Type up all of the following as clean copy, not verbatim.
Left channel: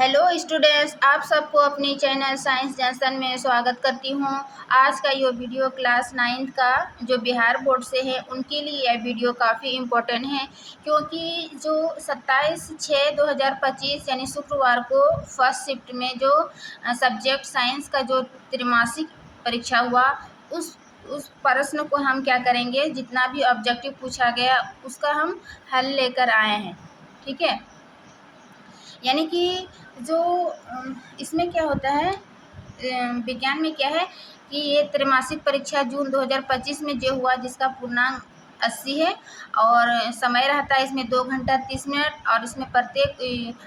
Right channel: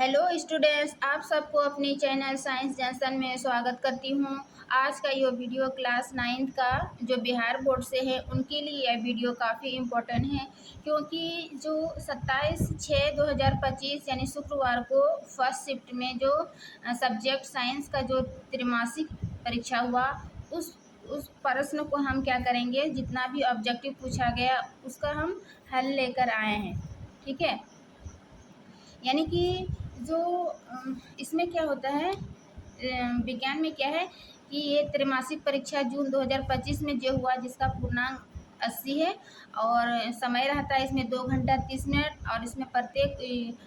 Hello students, आप सबको अपनी चैनल साइंस जंक्शन में स्वागत करती हूँ। आज का ये वीडियो क्लास 9th का जो बिहार बोर्ड से है उनके लिए यह वीडियो काफ़ी इम्पोर्टेंट है, क्योंकि जो 27/6/2025 यानी शुक्रवार को फर्स्ट शिफ्ट में जो सब्जेक्ट साइंस का जो त्रैमासिक परीक्षा हुआ उस प्रश्न को हम क्या करेंगे, जितना भी ऑब्जेक्टिव पूछा गया उसका हम हल लेकर आए हैं। ठीक है, यानी कि जो इसमें क्या होता है, विज्ञान में क्या है कि ये त्रैमासिक परीक्षा जून 2025 में जो हुआ, जिसका पूर्णांक 80 है और समय रहता है इसमें 2 घंटा 30 मिनट, और इसमें प्रत्येक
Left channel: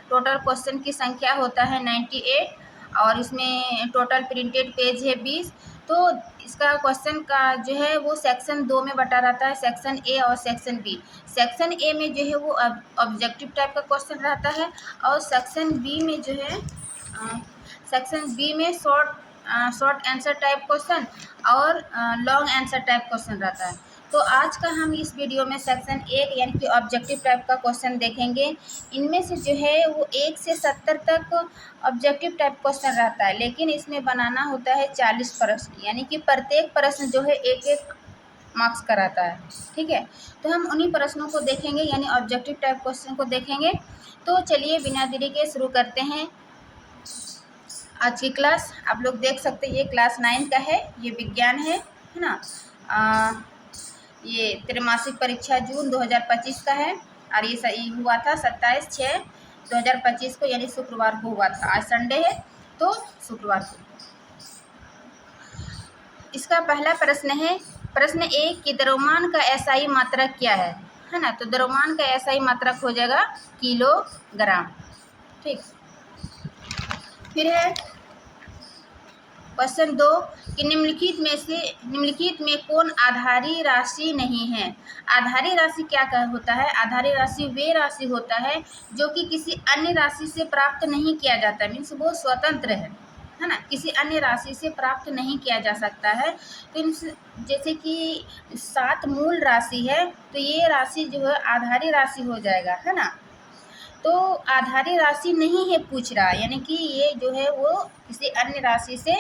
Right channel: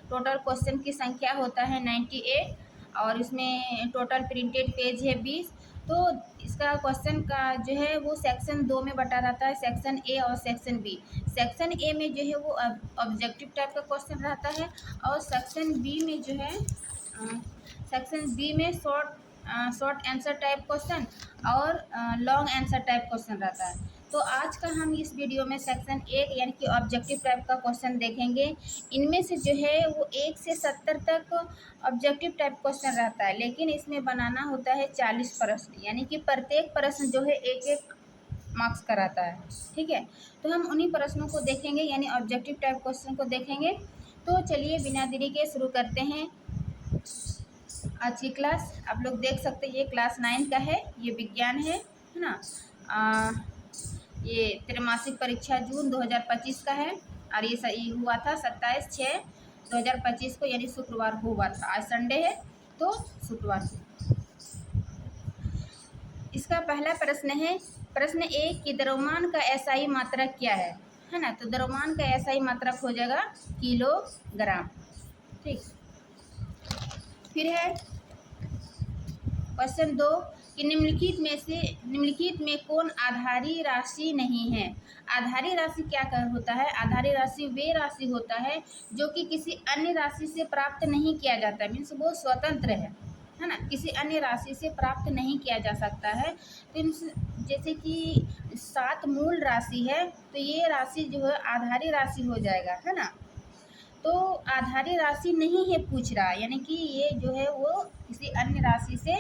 टोटल क्वेश्चन की संख्या होता है 98, और इसमें टोटल प्रिंटेड पेज है 20। तो इसका क्वेश्चन का जो है वो सेक्शन 2 में बटा रहता है, सेक्शन ए और सेक्शन बी। सेक्शन ए में जो है वो ऑब्जेक्टिव टाइप का क्वेश्चन रहता है, और सेक्शन बी में जो है सेक्शन बी में शॉर्ट आंसर टाइप क्वेश्चन और लॉन्ग आंसर टाइप क्वेश्चन रहता है। तो आज का हम इस वीडियो में सेक्शन 1 यानी कि ऑब्जेक्टिव टाइप का क्वेश्चन देखेंगे। इनमें से जो है वो 1 से 70 तक ऑब्जेक्टिव टाइप क्वेश्चन रहता है, लेकिन इसमें बनाना होता है 40 प्रश्न, यानी कि प्रत्येक प्रश्न जो है 1-1 मार्क्स का रहता है। ठीक है, तो हम उन्हीं प्रश्नों को देखेंगे, यानी ऑब्जेक्टिव टाइप क्वेश्चन को देखेंगे। तो चलिए बिना देरी के शुरू करते हैं आज की क्लास। आप लोग देख सकते हैं ये क्लास 9 का है, ये विज्ञान है ना। ये त्रैमासिक परीक्षा जून 2025 का है, और ये सही हुआ था 27/6/2025 को, यानी शुक्रवार को हुआ था। आज संडे है तो शुक्रवार को। इसका पहला प्रश्न है, प्रश्न 1 कि द्रव्यमान का एसआई मात्रक क्या है ना। तो द्रव्यमान का एसआई मात्रक हो जाएगा किलोग्राम। ठीक, फिर है क्वेश्चन 2 कि निम्नलिखित में कौन आधारी राशि नहीं है। आधारी राशि क्या होता है? आधारी राशि वे राशि होता है जो कि किसी अन्य राशि से प्राप्त नहीं किया जाता, मीन्स वो स्वतंत्र है ना, किसी अन्य राशि से प्राप्त नहीं किया जा सकता है। तो जैसे कि 7 मूल राशि है, तो ये राशि जो है आधारी राशि हो जाएगा, है ना। तो आधारी राशि नहीं है पूछ रहा, यानी कि ये जो है वो किसी अन्य राशि से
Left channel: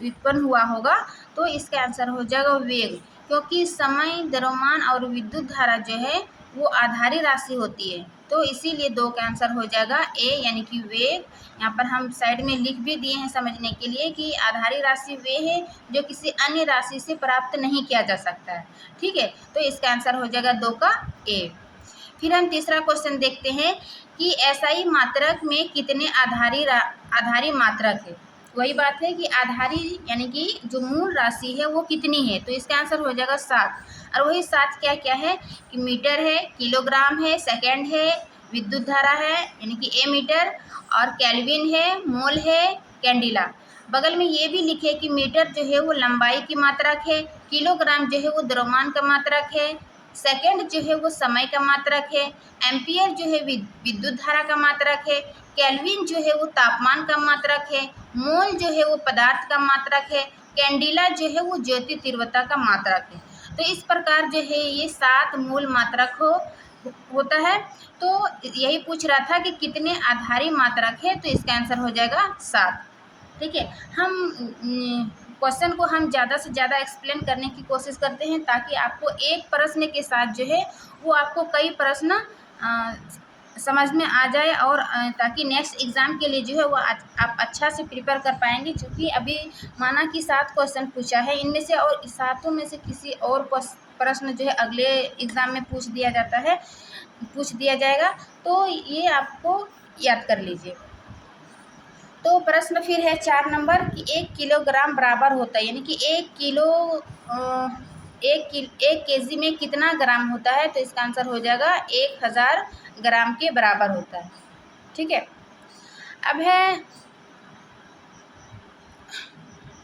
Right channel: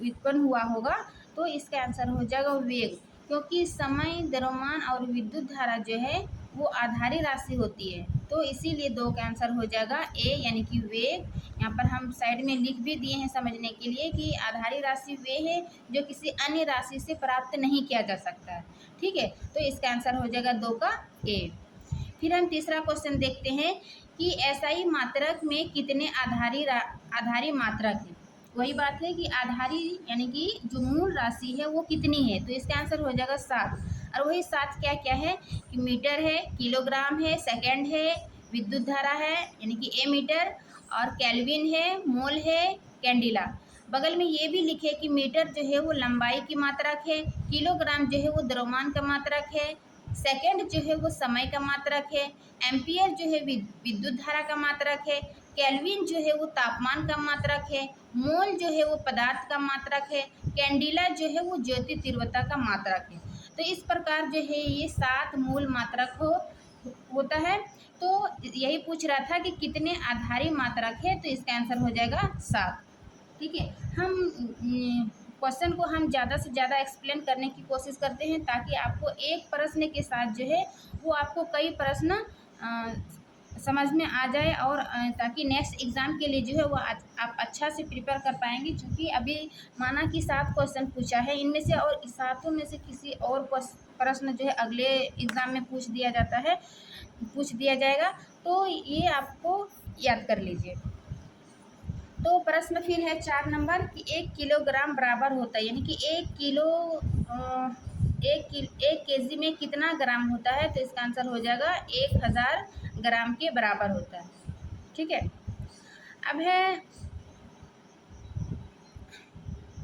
व्युत्पन्न हुआ होगा। तो इसका आंसर हो जाएगा वेग, क्योंकि समय, द्रव्यमान और विद्युत धारा जो है वो आधारी राशि होती है। तो इसीलिए 2 का आंसर हो जाएगा ए, यानी कि वेग। यहाँ पर हम साइड में लिख भी दिए हैं समझने के लिए कि आधारी राशि वे है जो किसी अन्य राशि से प्राप्त नहीं किया जा सकता है। ठीक है, तो इसका आंसर हो जाएगा 2 का ए। फिर हम तीसरा क्वेश्चन देखते हैं कि एसआई मात्रक में कितने आधारी मात्रक है। वही बात है कि आधारी यानी कि जो मूल राशि है वो कितनी है, तो इसका आंसर हो जाएगा 7। और वही 7 क्या क्या है कि मीटर है, किलोग्राम है, सेकंड है, विद्युत धारा है यानी कि ए मीटर, और केल्विन है, मोल है, कैंडिला। बगल में ये भी लिखे कि मीटर जो है वो लंबाई की मात्रक है, किलोग्राम जो है वो द्रव्यमान का मात्रक है, सेकंड जो है वो समय का मात्रक है, एम्पियर जो है विद्युत धारा का मात्रक है, केल्विन जो है वो तापमान का मात्रक है, मोल जो है वो पदार्थ का मात्रक है, कैंडिला जो है वो ज्योति तीव्रता का मात्रक है। तो इस प्रकार जो है ये 7 मूल मात्रक होता है। तो यही पूछ रहा था कि कितने आधारी मात्रक है, तो इसका आंसर हो जाएगा 7। ठीक है, हम क्वेश्चन को हम ज़्यादा से ज़्यादा एक्सप्लेन करने की कोशिश करते हैं, ताकि आपको एक प्रश्न के साथ जो है वो आपको कई प्रश्न समझ में आ जाए, और ताकि नेक्स्ट एग्ज़ाम के लिए जो है वो आप अच्छा से प्रिपेयर कर पाएंगे। क्योंकि अभी माना कि 7 क्वेश्चन पूछा है, इनमें से और 7 में से किसी और प्रश्न जो है अगले एग्ज़ाम में पूछ दिया जाएगा, तो ये आपको याद कर लीजिए। तो प्रश्न फिर है 4 नंबर कि 1 किलोग्राम बराबर होता है, यानी कि 1 केजी में कितना ग्राम होता है, तो इसका आंसर हो जाएगा 1000 ग्राम के बराबर होता है। ठीक है, अब है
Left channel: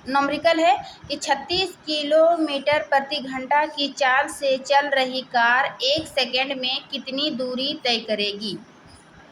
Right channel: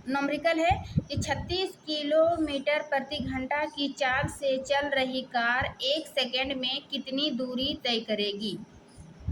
नॉमरिकल है कि 36 किलोमीटर प्रति घंटा की चाल से चल रही कार 1 सेकेंड में कितनी दूरी तय करेगी।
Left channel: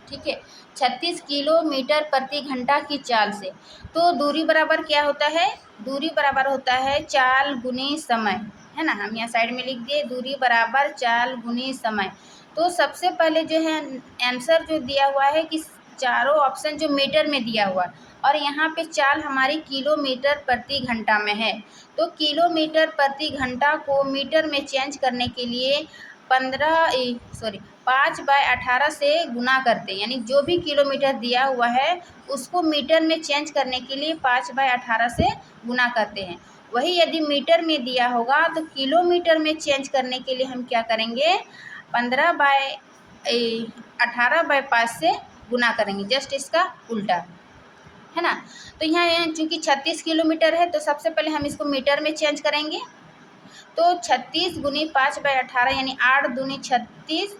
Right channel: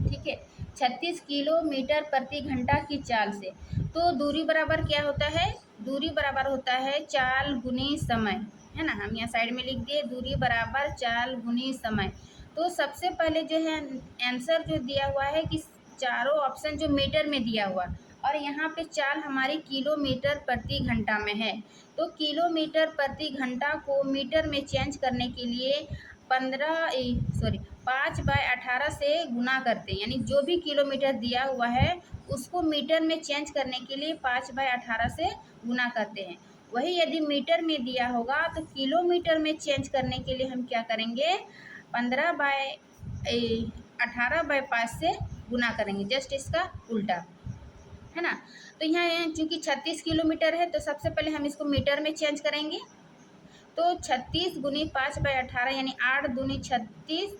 ठीक है, 36 किलोमीटर प्रति घंटा की चाल से, तो दूरी बराबर क्या होता है? दूरी बराबर होता है चाल गुनी समय, है ना। हम यहाँ साइड में लिख दिए दूरी बराबर चाल गुनी समय। तो सबसे पहले जो है आंसर जो दिया हुआ है कि चारों ऑप्शन जो मीटर में दिया हुआ और यहाँ पे चाल हमारी किलोमीटर प्रति घंटा में है। तो किलोमीटर प्रति घंटा को मीटर में चेंज करने के लिए 5/18 से गुना करते हैं, यानी जो भी किलोमीटर दिया हुआ है उसको मीटर में चेंज करने के लिए 5/18 से गुना करते हैं। वही यदि मीटर में दिया होगा तो किलोमीटर में चेंज करने के लिए हम क्या करेंगे, 18/5 से गुना करेंगे, जस्ट इसका उल्टा, है ना। तो यहाँ चूँकि 36 किलोमीटर है तो सबसे पहले हम इसको मीटर में चेंज करेंगे। तो 36 गुनी 5/18 यानी 8 दूनी 36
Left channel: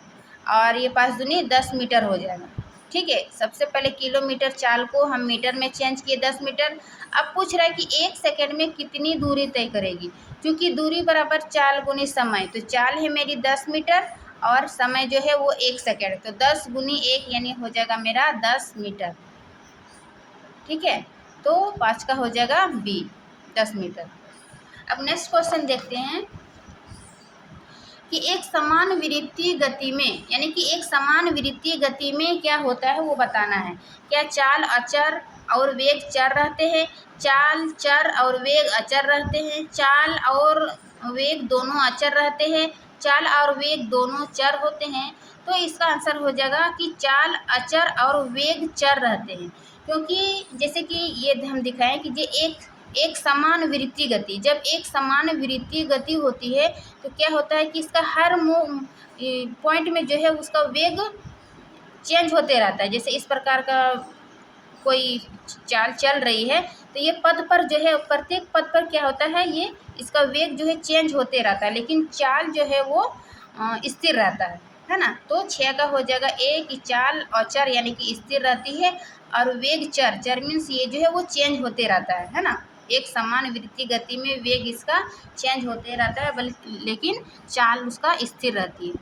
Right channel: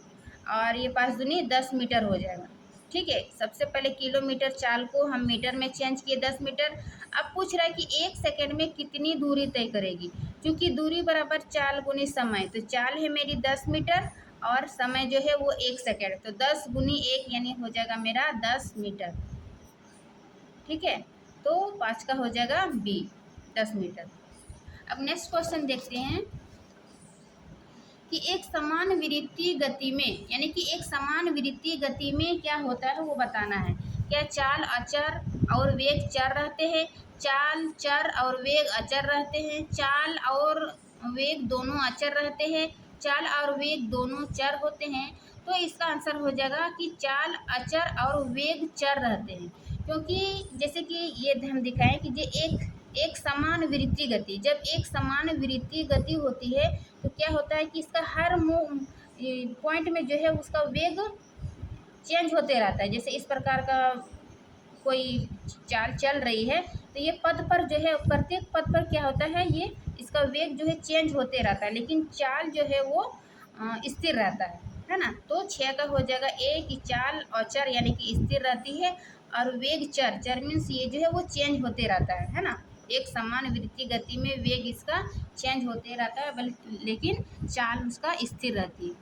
और ये 5 दूनी 10 मीटर हो जाएगा। ठीक है, सबसे पहले किलोमीटर चाल को हम मीटर में चेंज किए 10 मीटर। अब पूछ रहा है कि 1 सेकंड में कितनी दूरी तय करेगी, क्योंकि दूरी बराबर चाल गुनी समय, तो चाल है मेरी 10 मीटर और समय जो है वो 1 सेकंड, तो 10 गुनी 1 यानी हो जाएगा मेरा 10 मीटर। ठीक है, तो 5 का हो जाएगा बी, 10 मीटर। अब नेक्स्ट क्वेश्चन देखते हैं कि एक समान वृत्तीय गति में, यानी कि एक समान वृत्तीय गति में क्या होता है वो बताना है। क्या चाल अचर और वेग चर रहते हैं, चाल चर और वेग अचर रहते हैं, चाल और वेग दोनों अचर रहते हैं, चाल और वेग दोनों चर होते हैं। तो इसका आंसर हो जाएगा कि चाल अचर और वेग चर रहते हैं, क्योंकि जैसे कि ये हम दिखाएं कि ये एक समान वृत्तीय गति, जब एक समान वृत्तीय गति होती है तो क्या होता है कि इसका हर पॉइंट में जो है उसका वेग चेंज होते रहता है। जैसे इस प्रकार का कोई चाल चल रही है तो ये पथ पर जो है प्रत्येक पथ पर क्या होता है, ये इसका वेग जो है चेंज होते रहता है, लेकिन चाल जो है वो स्थिर रहता है ना। तो 6 का हो जाएगा ए कि चाल अचर यानी कि स्थिर रहती है और वेग चर, चर मीन्स ये जो है वो चेंज होते रहता है ना। एक समान वृत्तीय गति में वेग इसका चेंज होते रहता है, बल्कि लेकिन चाल उसका स्थिर रहती है।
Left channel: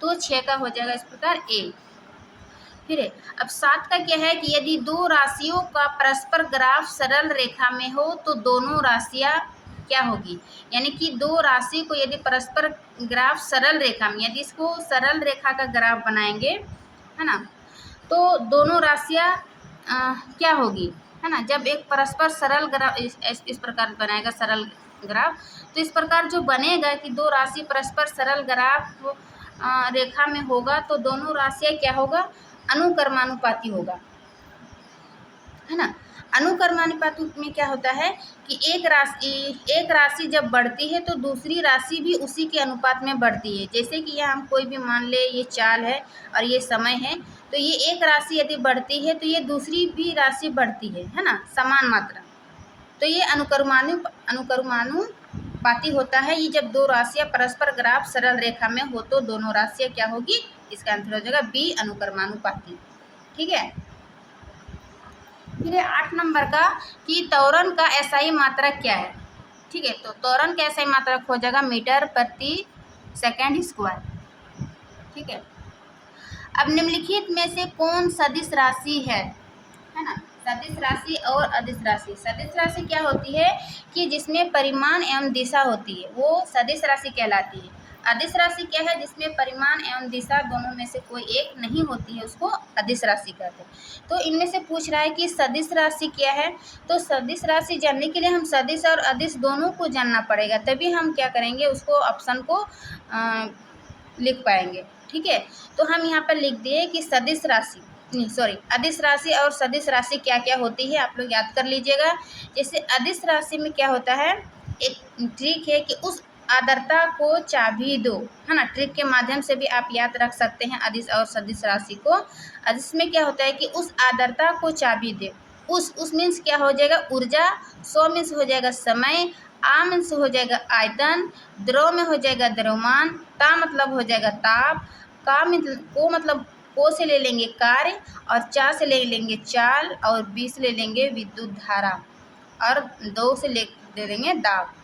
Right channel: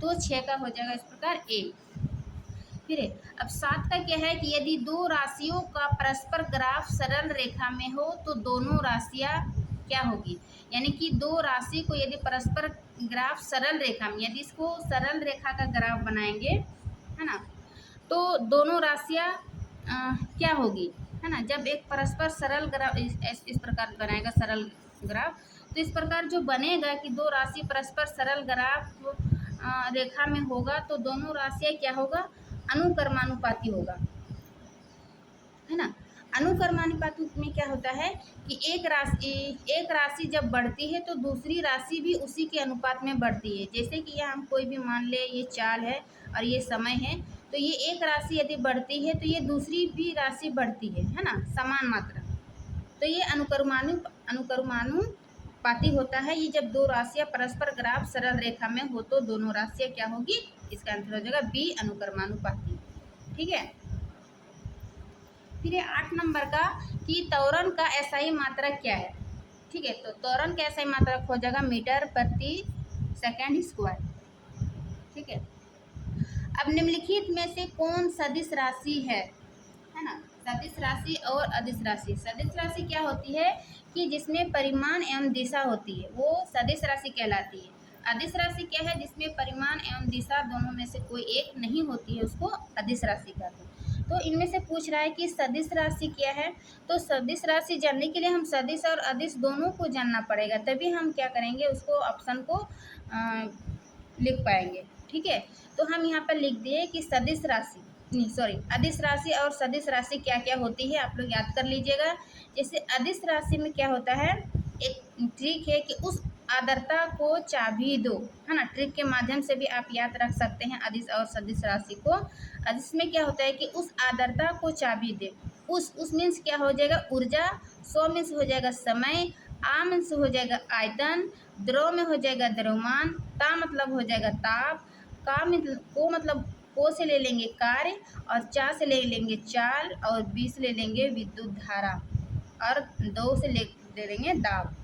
तो 6 का हो जाएगा इस प्रकार ए। फिर है अब 7 का क्या है कि यदि दो राशियों का परस्पर ग्राफ सरल रेखा में हो तो दोनों राशियां क्या होगी, यानी कि दो राशि को यदि परस्पर ग्राफ सरल रेखा में, यदि इसको सरल रेखा का ग्राफ बनाएंगे, है ना, तो दोनों राशियां क्या होगी, है ना। जब एक परस्पर सरल ग्राफ इस प्रकार बनाएगा सरल ग्राफ, तो इस प्रकार जो बनेगा कि दो राशि परस्पर सरल ग्राफ रेखा में होगा तो दोनों राशियां क्या होगा, अनुक्रमानुपाती होगा, है ना। अनुक्रमानुपाती में क्या होता है कि एक राशि जब बढ़ती है तो दूसरी राशि भी उसी के अनुपात में बढ़ती है। जैसे कि यहाँ हम कोई भी मान ले ये चाल है और ये समय है, तो ये एक राशि यदि बढ़ती है तो ये दूसरी भी राशि बढ़ती है ना, समान मात्रा। तो ये अनुक्रमानुपाती होता है। ये जब दो राशियां परस्पर ग्राफ सरल रेखा में हो तो दोनों राशियां क्या होगी, इसका आंसर हो जाएगा बी, अनुक्रमानुपाती। ठीक है, फिर 8 नंबर का कि त्वरण का एसआई मात्रक क्या है। ठीक है, तो त्वरण का एसआई मात्रक हो जाएगा मीटर प्रति सेकंड स्क्वायर। ठीक है, अब निम्नलिखित में से कौन सदिश राशि है ना। सदिश राशि और अदिश राशि, सदिश राशि क्या होती है कि जिसमें परिमाण एवं दिशा होती है वो सदिश राशि कहलाती है। अदिश राशि क्या है, जिसमें परिमाण एवं दिशा दोनों में से कोई एक नहीं होती है, उसको अदिश राशि कहते हैं। तो इनमें से पूछ रहा है कि सदिश राशि क्या है, तो सदिश राशि जानने के लिए हम सदिश और अदिश दोनों को जानना पड़ेगा, तभी हम क्या करेंगे, उसको ऑप्शन को लिख पाएंगे। ठीक है, तो हम यहाँ पर लिख दिए कि सदिश राशि अदिश राशि और सदिश राशि क्या क्या होती है, आप लोग याद कर लीजिएगा। जैसे अदिश राशि में क्या होता है, एक ट्रिक है कि उस आर्द्रता को चाबी दो, है ना। ट्रिक के माध्यम से भी आप याद रख सकते हैं अदिश और सदिश राशि को। अदिश में क्या होता है कि उस आर्द्रता को चाबी दे, उस मीन्स क्या हो जाएगा, ऊर्जा, सौ मीन्स हो जाएगा समय, आ मीन्स हो जाएगा आयतन, द्रव में हो जाएगा द्रव्यमान, ता मतलब हो जाएगा ताप, का मतलब को से ले लेंगे कार्य और चा से ले लेंगे चाल और बी से ले लेंगे विद्युत धारा और दो से ले लेंगे दाब।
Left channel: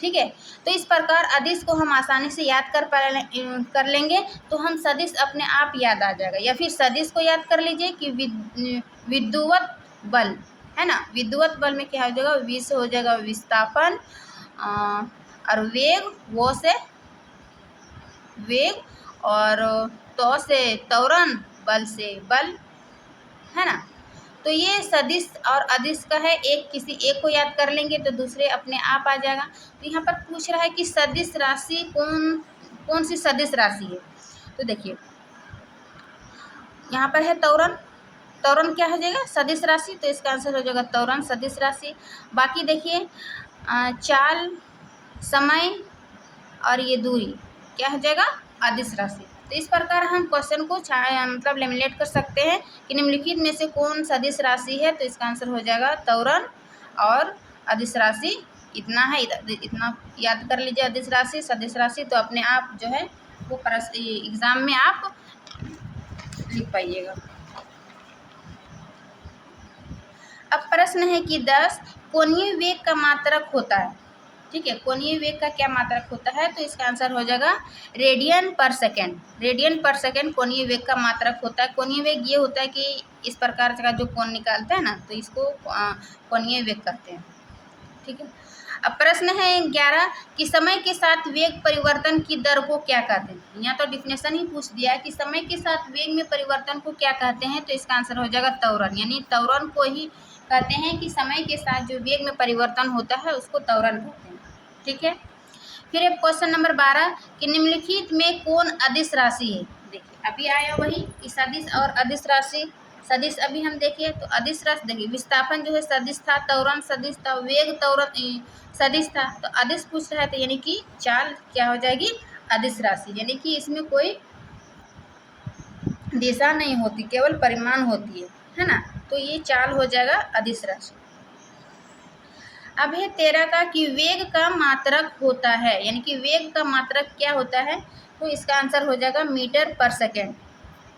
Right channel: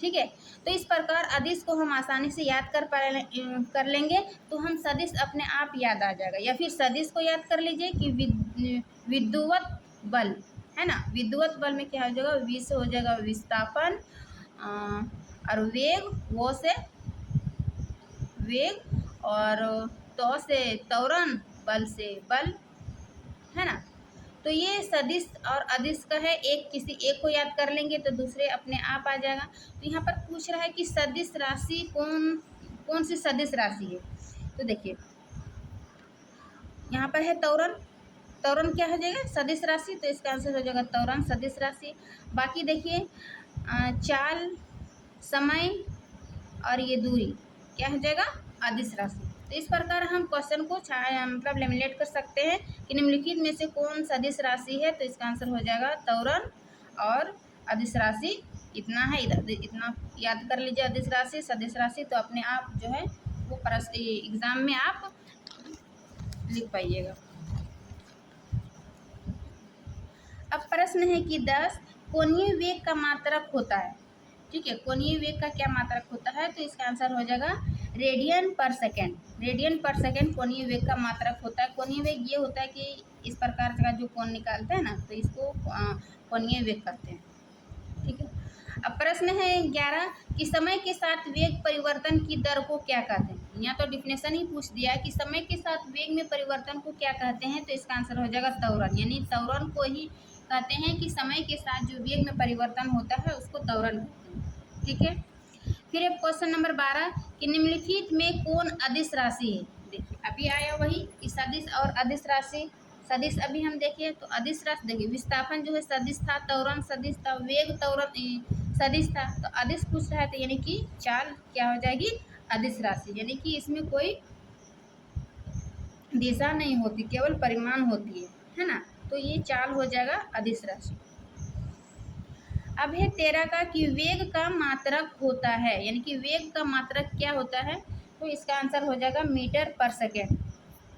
ठीक है, तो इस प्रकार अदिश को हम आसानी से याद कर लेंगे तो हम सदिश अपने आप याद आ जाएगा। या फिर सदिश को याद कर लीजिए कि विद्युत बल, है ना। विद्युत बल में क्या हो जाएगा, वी से हो जाएगा विस्थापन और वेग, वो से वेग और तो से त्वरण, बल से बल, है तो ये सदिश और अदिश का है, एक किसी एक को याद कर लेंगे तो दूसरे अपने आप आ जाएगा। तो यहाँ पर पूछ रहा है कि सदिश राशि कौन सी सदिश राशि है। तो देखिए यहाँ पर है त्वरण। त्वरण क्या हो जाएगा, सदिश राशि, तो इसका आंसर हो जाएगा त्वरण सदिश राशि। बाकी देखिए चाल, समय और ये दूरी क्या हो जाएगा, अदिश राशि। तो इस प्रकार हम क्वेश्चन को मतलब लेमिनेट कर सकते हैं कि निम्नलिखित में से कौन सदिश राशि है। तो इसका आंसर हो जाएगा त्वरण और अदिश राशि। इतना है, इतना याद कर लीजिए, अदिश राशि सदिश राशि, तो अपने आप जो है वो एग्जाम में आप लिख पाइएगा। अब प्रश्न है कि 10 कोणीय वेग का मात्रक होता है। ठीक है, कोणीय वेग का क्या मात्रक होता है। तो इसका आंसर हो जाएगा रेडियन पर सेकेंड। रेडियन पर सेकेंड कोणीय वेग का मात्रक होता है। कोणीय वेग ये होता है कि इस प्रकार का जो कोण निकालते हैं ना, तो इसको कोणीय वेग कहते हैं। ठीक है, अब प्रश्न है 11 कि समय के साथ वेग परिवर्तन की दर को क्या कहते हैं। यहाँ तो डिफिनेशन ही पूछ दिया है कि समय के साथ वेग में परिवर्तन को क्या कहते हैं। तो इसका आंसर हो जाएगा त्वरण, यानी त्वरण को ही कहते हैं कि समय के साथ जो वेग में परिवर्तन होता है उसको त्वरण कहते हैं। ठीक है, फिर क्वेश्चन नंबर 12 कि निम्नलिखित में कौन अदिश राशि है। देखिए अभी आया वही कि सदिश और अदिश राशि। सदिश अभी हम देखिए तो अदिश राशि देखिए विस्थापन जो है सदिश था, त्वरण सदिश था, वेग त्वरण सदिश था। तो अदिश पूछ रहा है तो यानी कि चाल क्या हो जाएगी, अदिश राशि, यानी कि इसमें कोई दिशा नहीं होती, केवल परिमाण होती है ना। तो ये चाल हो जाएगा अदिश राशि। अब है 13 का कि वेग का मात्रक होता है, यानी कि वेग का मात्रक क्या होता है। तो इसका आंसर हो जाएगा मीटर पर सेकेंड,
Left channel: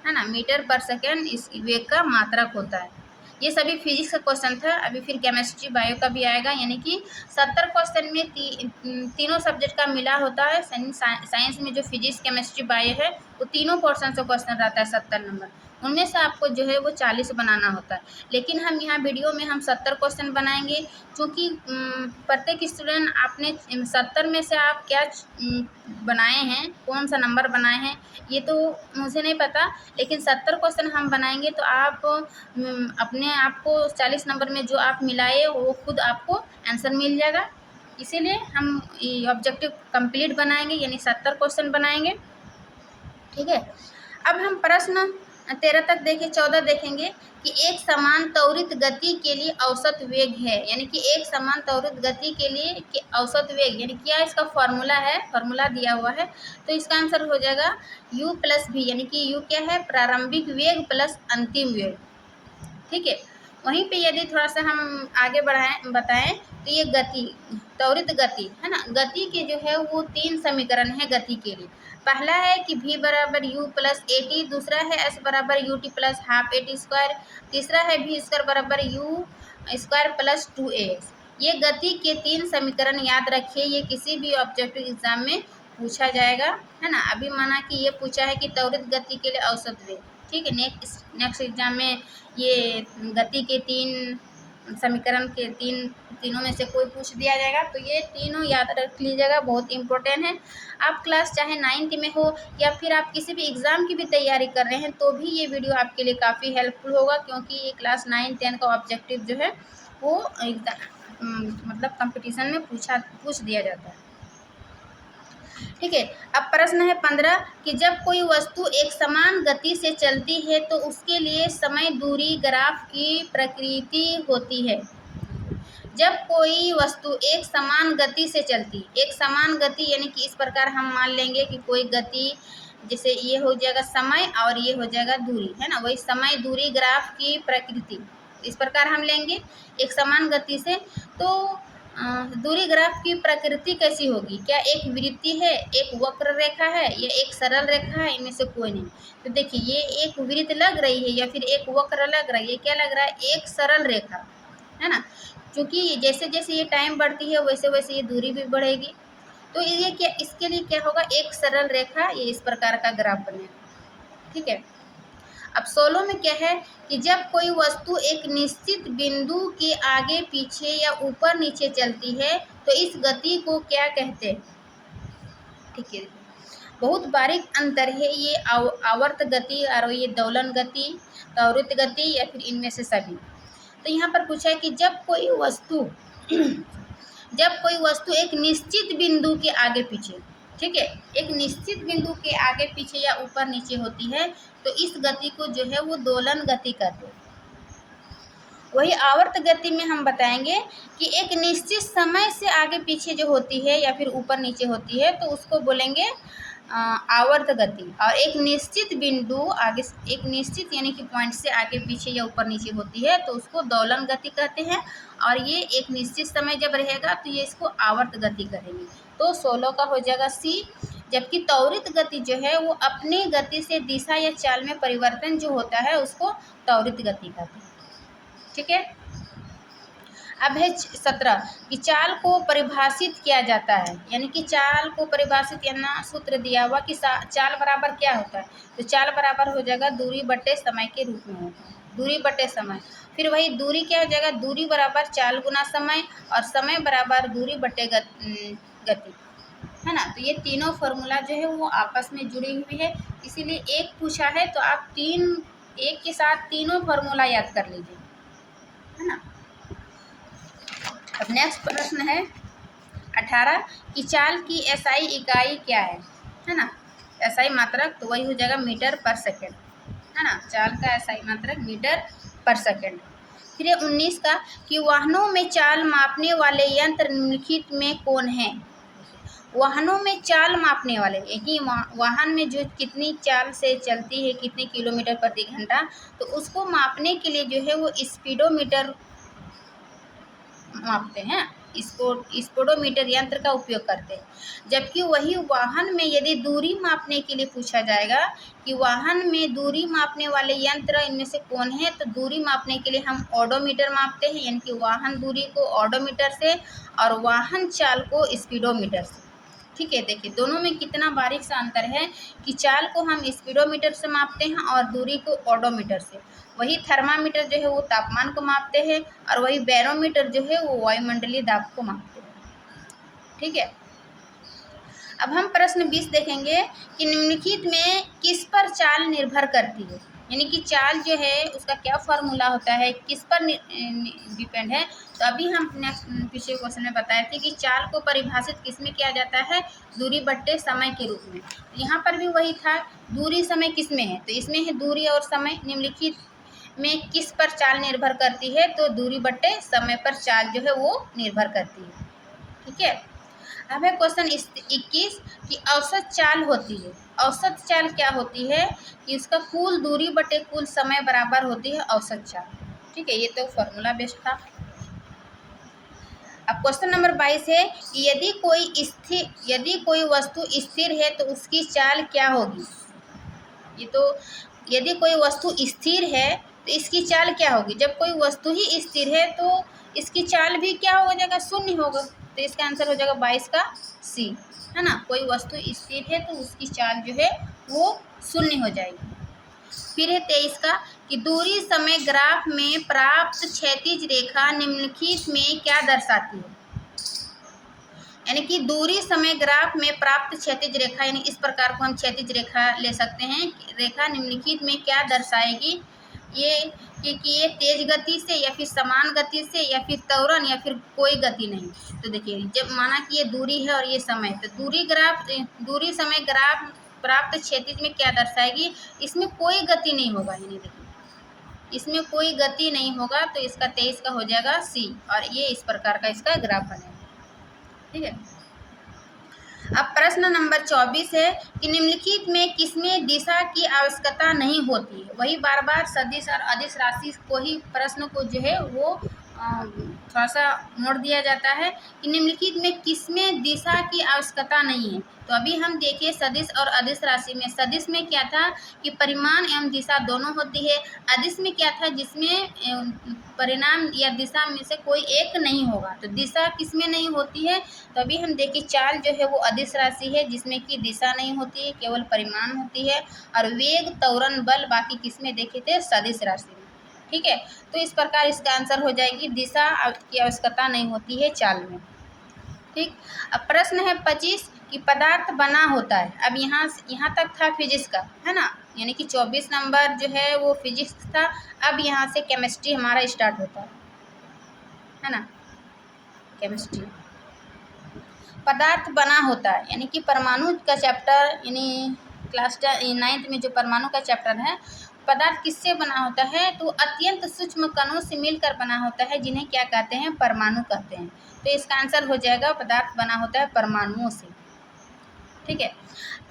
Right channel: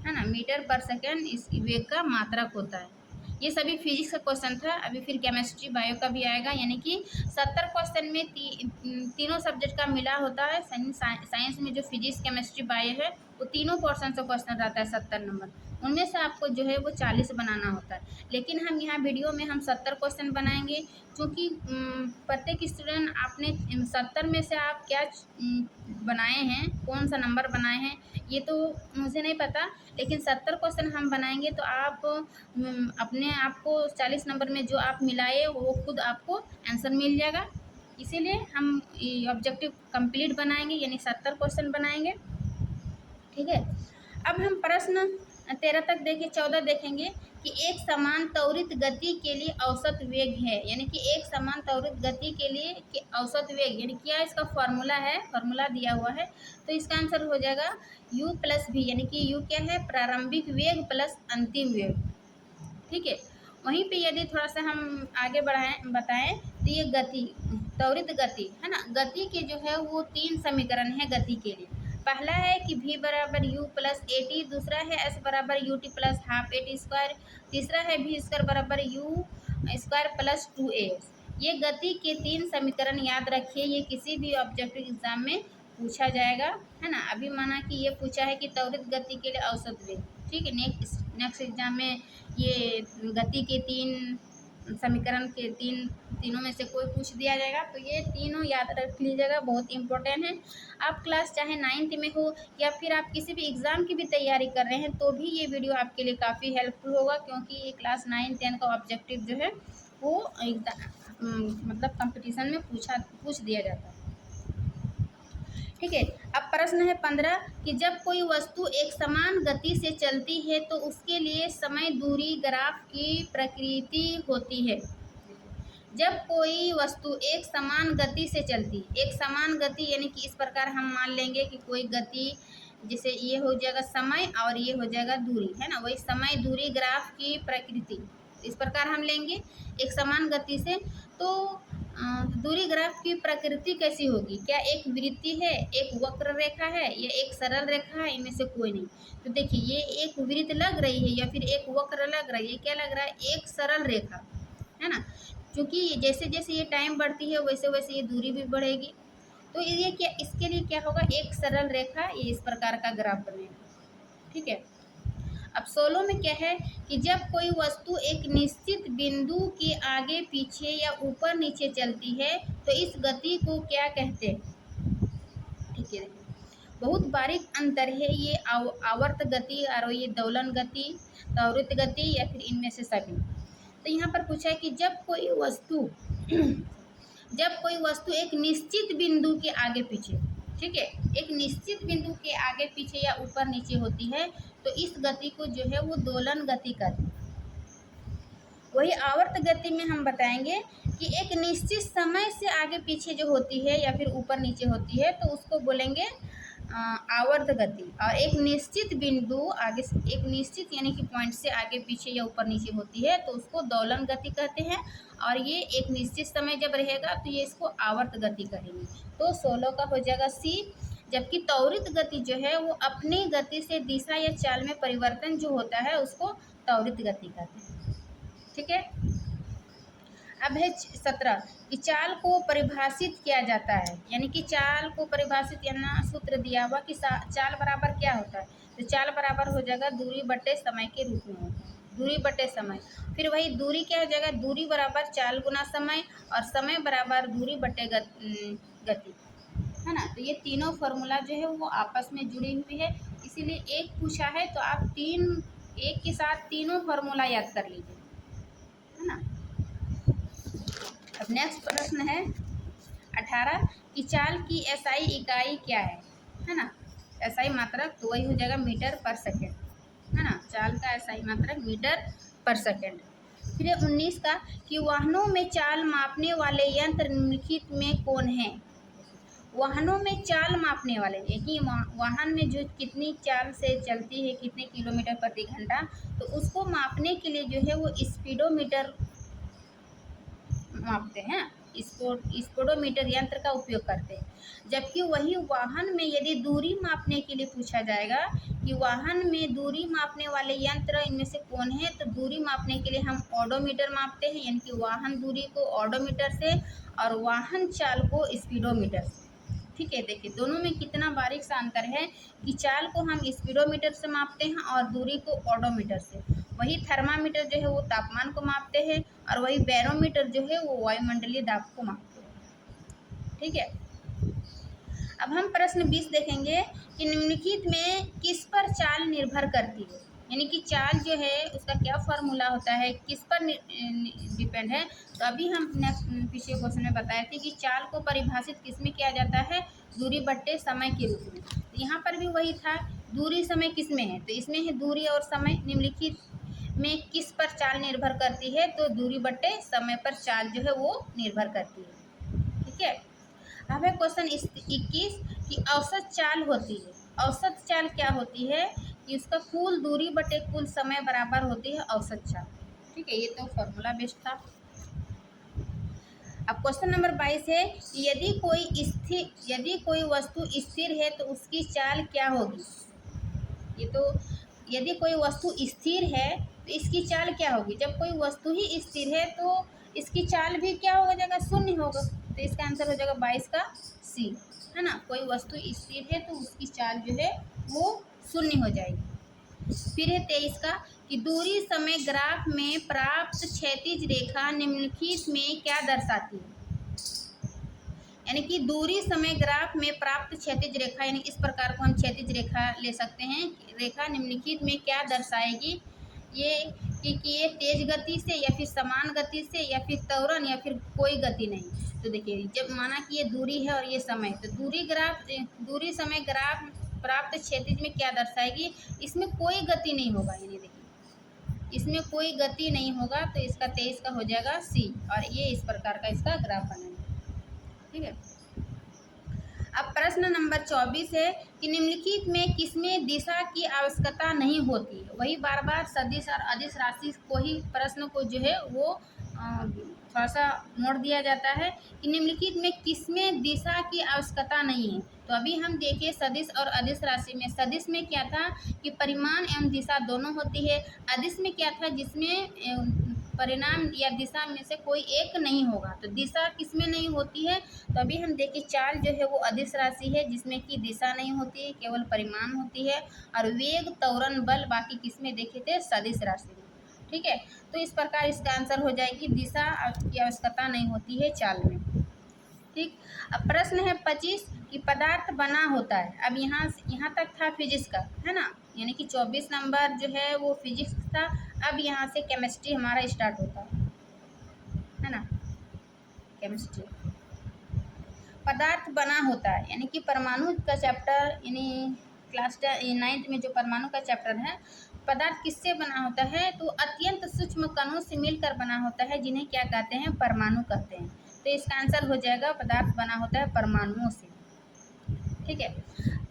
है ना, मीटर पर सेकेंड इस वेग का मात्रक होता है। ये सभी फिजिक्स का क्वेश्चन था, अभी फिर केमिस्ट्री बायो का भी आएगा, यानी कि 70 क्वेश्चन में तीनों सब्जेक्ट का मिला होता है। साइंस में जो फिजिक्स केमिस्ट्री बायो है वो तीनों पोर्शन से क्वेश्चन रहता है 70 नंबर, उनमें से आपको जो है वो 40 बनाना होता है। लेकिन हम यहाँ वीडियो में हम 70 क्वेश्चन बनाएंगे, क्योंकि प्रत्येक स्टूडेंट आपने 70 में से आप क्या बनाए हैं, कौन सा नंबर बनाए हैं ये तो मुझे नहीं पता, लेकिन 70 क्वेश्चन हम बनाएंगे तो आप अपने आप को 40 नंबर में जो आप मिलाए वो खुद आपको आंसर मिल जाएगा। इसीलिए हम ऑब्जेक्टिव कंप्लीट बनाएंगे, यानी 70 क्वेश्चन बनाएंगे। ठीक है, अब हम प्रश्न 13 तक देखें, 14 देखेंगे कि एक समान त्वरित गति के लिए औसत वेग है, यानी कि एक समान त्वरित गति के लिए औसत वेग, यानी क्या इसका फॉर्मूला है, फॉर्मूला दिया हुआ है। तो इसका आंसर हो जाएगा u प्लस भी, यानी कि u क्या है, प्रारंभिक वेग प्लस अंतिम वेग। ठीक है, वहीं पे यदि थोड़ा सा हम आगे बताएं तो ये गति, त्वरित गति है ना, गति के जो है वो 3 समीकरण है गति के लिए। पहला है कि v बराबर u प्लस ए टी, दूसरा है s बराबर U T plus half A T square, तीसरा है v स्क्वायर बराबर u स्क्वायर प्लस 2ax। ये गति के 3 समीकरण याद रखिए, ये किसी भी ऑब्जेक्टिव एग्जाम में पूछा जाएगा, है ना। अभी माना कि ये पूछा है कि त्वरित गति के लिए औसत वेग, ठीक है, नेक्स्ट एग्जाम में ये गति के 3 समीकरण के तीनों में से कोई पूछ दिया जाएगा, तो ये तीनों याद रख लीजिएगा, बहुत इंपॉर्टेंट है। आप क्लास चाहे 9th में हो या फिर आप किसी भी एग्ज़ाम की भी तैयारी कर रहे हैं तो भी ये वीडियो आपके लिए काफ़ी हेल्पफुल होगा, क्योंकि ये क्लास 9, 10 का ऑब्जेक्टिव जो है वो मतलब कंपटीशन में पूछ दिया जाता है। ठीक है, अब प्रश्न है 15 कि जब कोई वस्तु एक समान गति से चलती है तो उसके लिए समय दूरी ग्राफ की प्रकृति होती है। जब कोई वस्तु एक समान गति से चलती, एक समान गति यानी कि इस प्रकार हम मान लेंगे कि कोई गति, जैसे ये हो जाएगा समय और ये हो जाएगा दूरी, है ना, वही समय दूरी ग्राफ की प्रकृति, इस प्रकार हम लेंगे एक समान गति से। तो दूरी ग्राफ की प्रकृति कैसी होगी, क्या एक वृत्ति है, एक वक्र रेखा है या एक सरल रेखा है, इनमें से कोई नहीं। तो देखिए ये एक वृत्त लग रही है या फिर एक वक्र लग रहा है, ये क्या लग रहा है, एक सरल रेखा, है ना, क्योंकि जैसे जैसे ये टाइम बढ़ती है वैसे वैसे ये दूरी भी बढ़ेगी। तो ये क्या, इसके लिए क्या होगा, एक सरल रेखा, ये इस प्रकार का ग्राफ बनेगा। ठीक है, अब 16 में क्या है कि जब कोई वस्तु एक निश्चित बिंदु के आगे पीछे या ऊपर नीचे चलती है तो इस गति को क्या कहते हैं। ठीक है, बहुत बारीक अंतर है ये आवर्त गति और ये दोलन गति, त्वरित गति या फिर इनमें से सभी। तो यहाँ पर पूछा है कि जब कोई वस्तु एक निश्चित बिंदु के आगे पीछे, ठीक है, एक निश्चित बिंदु के आगे पीछे या ऊपर नीचे होती है तो इस गति को जो है वो दोलन गति कहते हैं। वही आवर्त गति में हम बताएंगे कि एक निश्चित समय से आगे पीछे जो होती है या फिर ऊपर नीचे होती है तो उसको बोलेंगे आवर्त गति। और एक निश्चित बिंदु आगे, एक निश्चित यानी कि पॉइंट से आगे पीछे या ऊपर नीचे होती है तो उसको दोलन गति कहते हैं। और ये एक निश्चित समय जब रहेगा तो ये इसको आवर्त गति कहेंगे। तो 16 का हो जाएगा सी। जबकि त्वरित गति जो है वो अपनी गति से दिशा या चाल में परिवर्तन जो होता है उसको त्वरित गति कहते हैं। ठीक है। अब है 17 कि चाल को परिभाषित किया जाता है, यानी कि चाल को परिभाषित करना सूत्र दिया हुआ कि चाल बराबर क्या होता है। तो चाल बराबर हो जाएगा दूरी बटे समय के रूप में होगा, दूरी बटे समय। फिर वही दूरी क्या हो जाएगा, दूरी बराबर चाल गुना समय और समय बराबर दूरी बटे गति, है ना। तो ये तीनों फार्मूला जो है वो आपस में जुड़ी हुई है, इसीलिए एक पूछा है तो आप एक के साथ तीनों फार्मूला याद कर लीजिए, है ना। अब नेक्स्ट प्रश्न है 18 कि चाल की एसआई इकाई क्या है ना। एसआई मात्रक तो वही हो जाएगा मीटर पर सेकेंड, है ना। चाल का एसआई मात्रक मीटर पर सेकेंड। फिर 19 का कि वाहनों में चाल मापने वाले यंत्र निम्नलिखित में कौन है। वाहनों में चाल मापने वाले, एक ही वाहन में जो कितनी चाल से चलती है, कितने किलोमीटर प्रति घंटा, तो उसको मापने के लिए जो है वो स्पीडोमीटर मापते हैं, स्पीडोमीटर यंत्र का उपयोग करते हैं। जबकि वही वाहन में यदि दूरी मापने के लिए पूछा जाएगा कि वाहन में दूरी मापने वाले यंत्र इनमें से कौन है, तो दूरी मापने के लिए हम ओडोमीटर मापते हैं, यानी कि वाहन दूरी को ओडोमीटर से और वाहन चाल को स्पीडोमीटर से। ठीक है, देखिए दोनों में कितना बारीक सा अंतर है कि चाल को हम स्पीडोमीटर से मापते हैं और दूरी को ओडोमीटर से। वही थर्मामीटर जो है वो तापमान को मापते हैं और वही बैरोमीटर जो है वो वायुमंडलीय दाब को मापते हैं। ठीक है। अब हम प्रश्न 20 देखेंगे कि निम्नलिखित में किस पर चाल निर्भर करती है, यानी कि चाल जो है उसका क्या फार्मूला होता है, किस पर डिपेंड है। तो अभी हम नेक्स्ट पिछले क्वेश्चन में बताए थे कि चाल को परिभाषित किस में किया जाता है, दूरी बट्टे समय के रूप में। तो यहाँ पर भी वही था, दूरी समय किस में है, तो इसमें है दूरी और समय। निम्नलिखित में किस पर चाल निर्भर करती है, तो दूरी बट्टे समय पर चाल जो है वो निर्भर करती है। ठीक है। अब है क्वेश्चन 21 कि औसत चाल होती है। औसत चाल क्या होती है कि उसका कुल दूरी बटे कुल समय बराबर होती है औसत चाल। ठीक है, ये तो फॉर्मूला बेस्ड था। अब क्वेश्चन नंबर 22 है कि यदि कोई वस्तु स्थिर है तो उसकी चाल क्या होगी। ये तो यदि कोई वस्तु स्थिर है तो इसकी चाल क्या होगी। जब कोई वस्तु ही स्थिर है तो इसकी चाल भी क्या हो जाएगा, शून्य होगा। तो इसका आंसर हो जाएगा 22 का सी, है ना। कोई वस्तु स्थिर है तो उसकी चाल जो है वो शून्य हो जाएगी। फिर है 23 का कि दूरी समय ग्राफ में प्राप्त क्षैतिज रेखा निम्नलिखित में क्या दर्शाती है। यानी कि दूरी समय ग्राफ में प्राप्त क्षैतिज रेखा, यानी इस प्रकार को हम क्षैतिज रेखा ले सकते हैं। रेखा निम्नलिखित में क्या दर्शाएगी, ये कि ये तेज गति से या फिर समान गति से या फिर त्वरण या फिर कोई गति नहीं। तो देखिए जब माना कि ये दूरी है और ये समय, तो दूरी समय ग्राफ प्राप्त क्षैतिज में क्या दर्शाएगी, इसमें कोई गति नहीं होगा। यानी देखिए इसमें कोई गति नहीं होगा, तो इसका 23 का हो जाएगा सी और ये इस प्रकार का इसका ग्राफ बनेगा। ठीक है। अब प्रश्न नंबर 24 है कि निम्नलिखित में किसमें दिशा की आवश्यकता नहीं होती है। वही बार बार सदिश और अदिश राशि को ही प्रश्न को जो है वो थोड़ा सा मोड़ दिया जाता है कि निम्नलिखित में किसमें दिशा की आवश्यकता नहीं है। तो अभी हम देखिए सदिश और अदिश राशि में, सदिश में क्या था कि परिमाण एवं दिशा दोनों होती है। अदिश में क्या था, जिसमें परिणाम या दिशा में से कोई एक नहीं होगा। तो दिशा किसमें नहीं होती है, तो अभी हम देखिए चाल जो है वो अदिश राशि है जिसमें कि दिशा नहीं होती है, केवल परिमाण होती है। और वेग, त्वरण, बल बाकी किसमें देखे थे, सदिश राशि में। ठीक है, तो इस प्रकार इसका आंसर हो जाएगी दिशा की आवश्यकता नहीं होती है चाल में। ठीक। अब प्रश्न है 25 कि पदार्थ बना होता है। अब यहाँ तक था फिजिक्स का, है ना, यानी कि 24 नंबर जो है वो फिजिक्स था। अब यहाँ से केमिस्ट्री हमारा स्टार्ट होता है ना। केमिस्ट्री पदार्थ बना होता है, यानी कि परमाणु का चैप्टर, यानी क्लास 9th में जो परमाणु का चैप्टर है, पदार्थ किससे बना होता है, तो अत्यंत सूक्ष्म कणों से मिलकर बना होता है, जिन्हें क्या कहते हैं, परमाणु कहते हैं। तो इसका आंसर हो जाएगा पदार्थ बना होता है परमाणुओं से। ठीक है।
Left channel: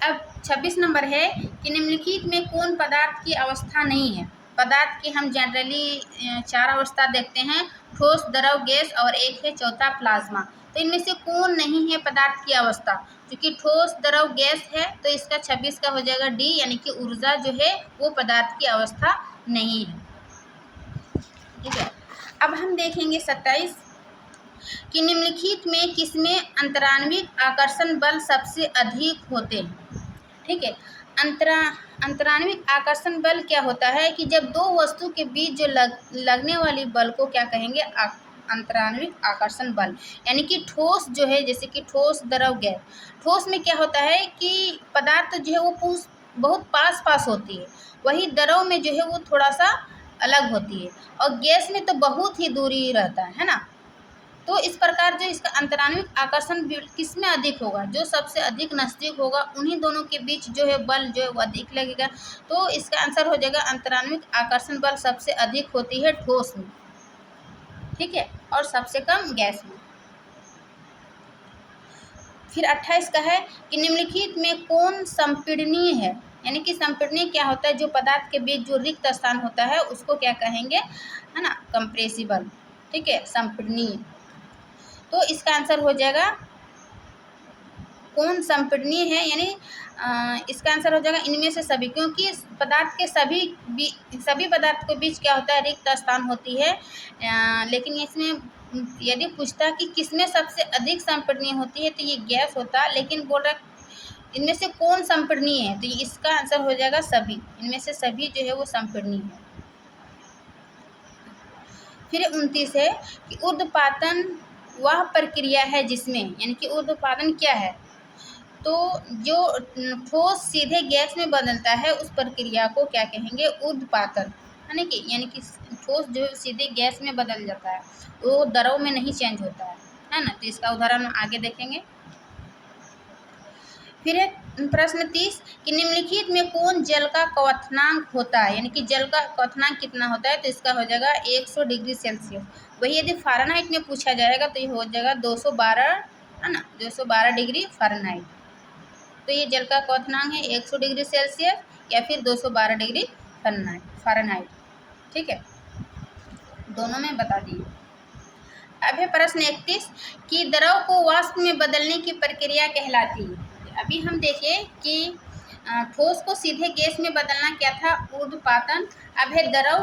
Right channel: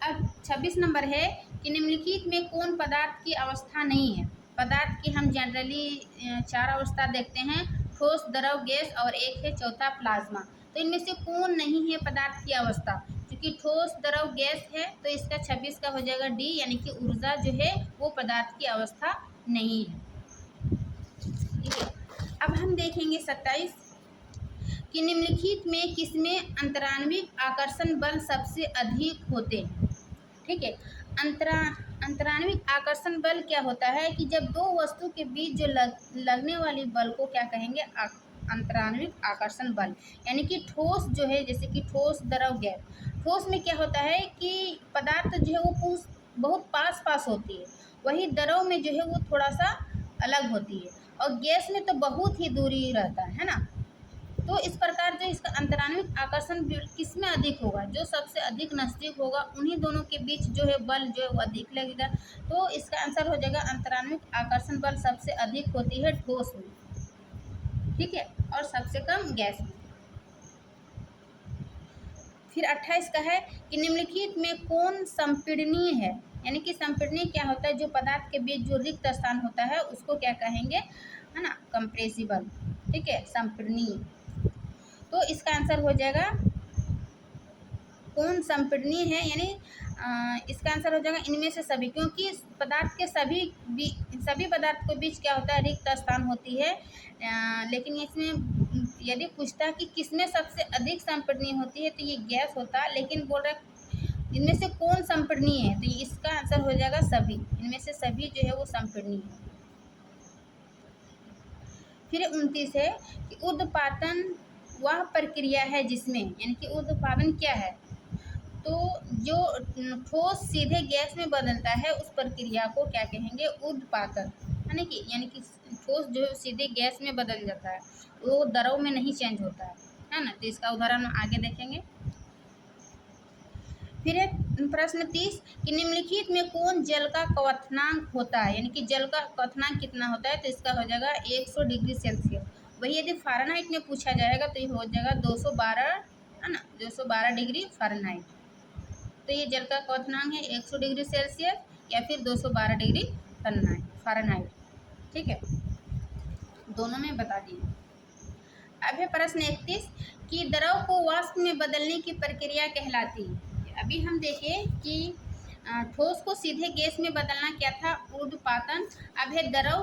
अब 26 नंबर है कि निम्नलिखित में कौन पदार्थ की अवस्था नहीं है। पदार्थ की हम जनरली 4 अवस्था देखते हैं, ठोस, द्रव, गैस और एक है चौथा प्लाज्मा। तो इनमें से कौन नहीं है पदार्थ की अवस्था, क्योंकि ठोस, द्रव, गैस है, तो इसका 26 का हो जाएगा डी, यानी कि ऊर्जा जो है वो पदार्थ की अवस्था नहीं है। ठीक है। अब हम देखेंगे 27 कि निम्नलिखित में किसमें अंतराण्विक आकर्षण बल सबसे अधिक होते हैं। ठीक है। अंतराण्विक आकर्षण बल क्या होता है कि जब दो वस्तु के बीच जो लगने वाली बल को क्या कहेंगे, अंतराण्विक आकर्षण बल। यानी कि ठोस जो है, जैसे कि ठोस, द्रव, गैस। ठोस में क्या होता है कि पदार्थ जो है वो बहुत पास पास होती है, वही द्रव में जो है वो थोड़ा सा अलग होती है, और गैस में तो बहुत ही दूरी रहता है ना। तो इस प्रकार जो इसका अंतराण्विक आकर्षण किस में अधिक होगा, जो सबसे अधिक नज़दीक होगा उन्हीं दोनों के बीच जो है बल जो है वो अधिक लगेगा। तो इसका आंसर हो जाएगा अंतराण्विक आकर्षण बल सबसे अधिक होती है ठोस में। ठीक है, और सबसे कम गैस में। फिर 28 का है कि निम्नलिखित में कौन संपीड़नीय है। यानी कि संपीड़नीय क्या होता है, जो पदार्थ के बीच जो रिक्त स्थान होता है उसको क्या कहेंगे, है ना, कंप्रेसिबल। ठीक है, संपीड़नीय। तो इसका आंसर हो जाएगा कौन संपीड़नीय है, यानी इसका आंसर हो जाएगा इनमें से सभी, क्योंकि पदार्थ के सभी पदार्थ के बीच क्या होता है, रिक्त स्थान होती है। लेकिन इसमें यदि पूछता कि किसमें सबसे अधिक संपीड़नीय होती है तो ये गैस होता, लेकिन बोल रहा इनमें से कौन संपीड़नीय है, तो इसका आंसर हो जाएगा सभी, इनमें से सभी जो है वो संपीड़नीय है। फिर 29 है कि ऊर्ध्वपातन वह प्रक्रिया है जिसमें, यानी कि ऊर्ध्वपातन क्या है, तो जो ठोस सीधे गैस में बदलता है उस प्रक्रिया को क्या कहेंगे, ऊर्ध्वपातन। यानी कि ठोस जो सीधे गैस में बदल जाता है वो द्रव में नहीं चेंज होता है ना। तो इसका उदाहरण आगे देखेंगे। फिर प्रश्न 30 कि निम्नलिखित में कौन जल का क्वथनांक होता है, यानी कि जल का क्वथनांक कितना होता है, तो इसका हो जाएगा 100 डिग्री सेल्सियस। वही यदि फ़ारेनहाइट में पूछा जाएगा तो ये हो जाएगा 212, है ना, 212 डिग्री फ़ारेनहाइट। तो ये जल का क्वथनांक है 100 डिग्री सेल्सियस या फिर 212 डिग्री फ़ारेनहाइट। ठीक है, दोनों में बता दिए। अब है प्रश्न 31 कि द्रव को वाष्प में बदलने की प्रक्रिया कहलाती है। अभी हम देखें कि ठोस को सीधे गैस में बदलना क्या था, ऊर्ध्वपातन। अब है द्रव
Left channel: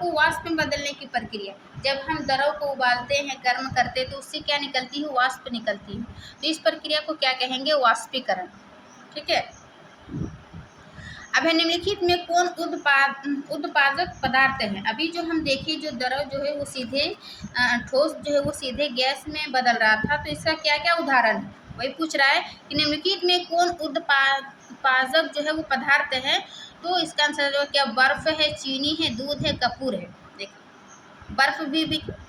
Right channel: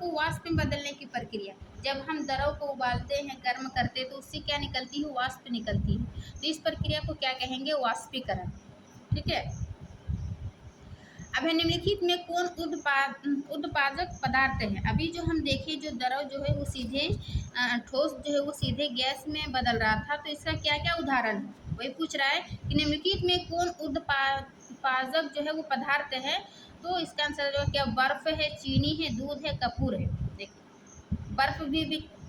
को वाष्प में बदलने की प्रक्रिया। जब हम द्रव को उबालते हैं, गर्म करते हैं, तो उससे क्या निकलती है, वाष्प निकलती है। तो इस प्रक्रिया को क्या कहेंगे, वाष्पीकरण। ठीक है। अब है निम्नलिखित में कौन उत्पादक पदार्थ है। अभी जो हम देखें, जो द्रव जो है वो सीधे ठोस जो है वो सीधे गैस में बदल रहा था, तो इसका क्या क्या उदाहरण है, वही पूछ रहा है कि निम्नलिखित में कौन उत्पादक जो है वो पदार्थ है। तो इसका आंसर जो क्या, बर्फ है, चीनी है, दूध है, कपूर है। देखो, बर्फ भी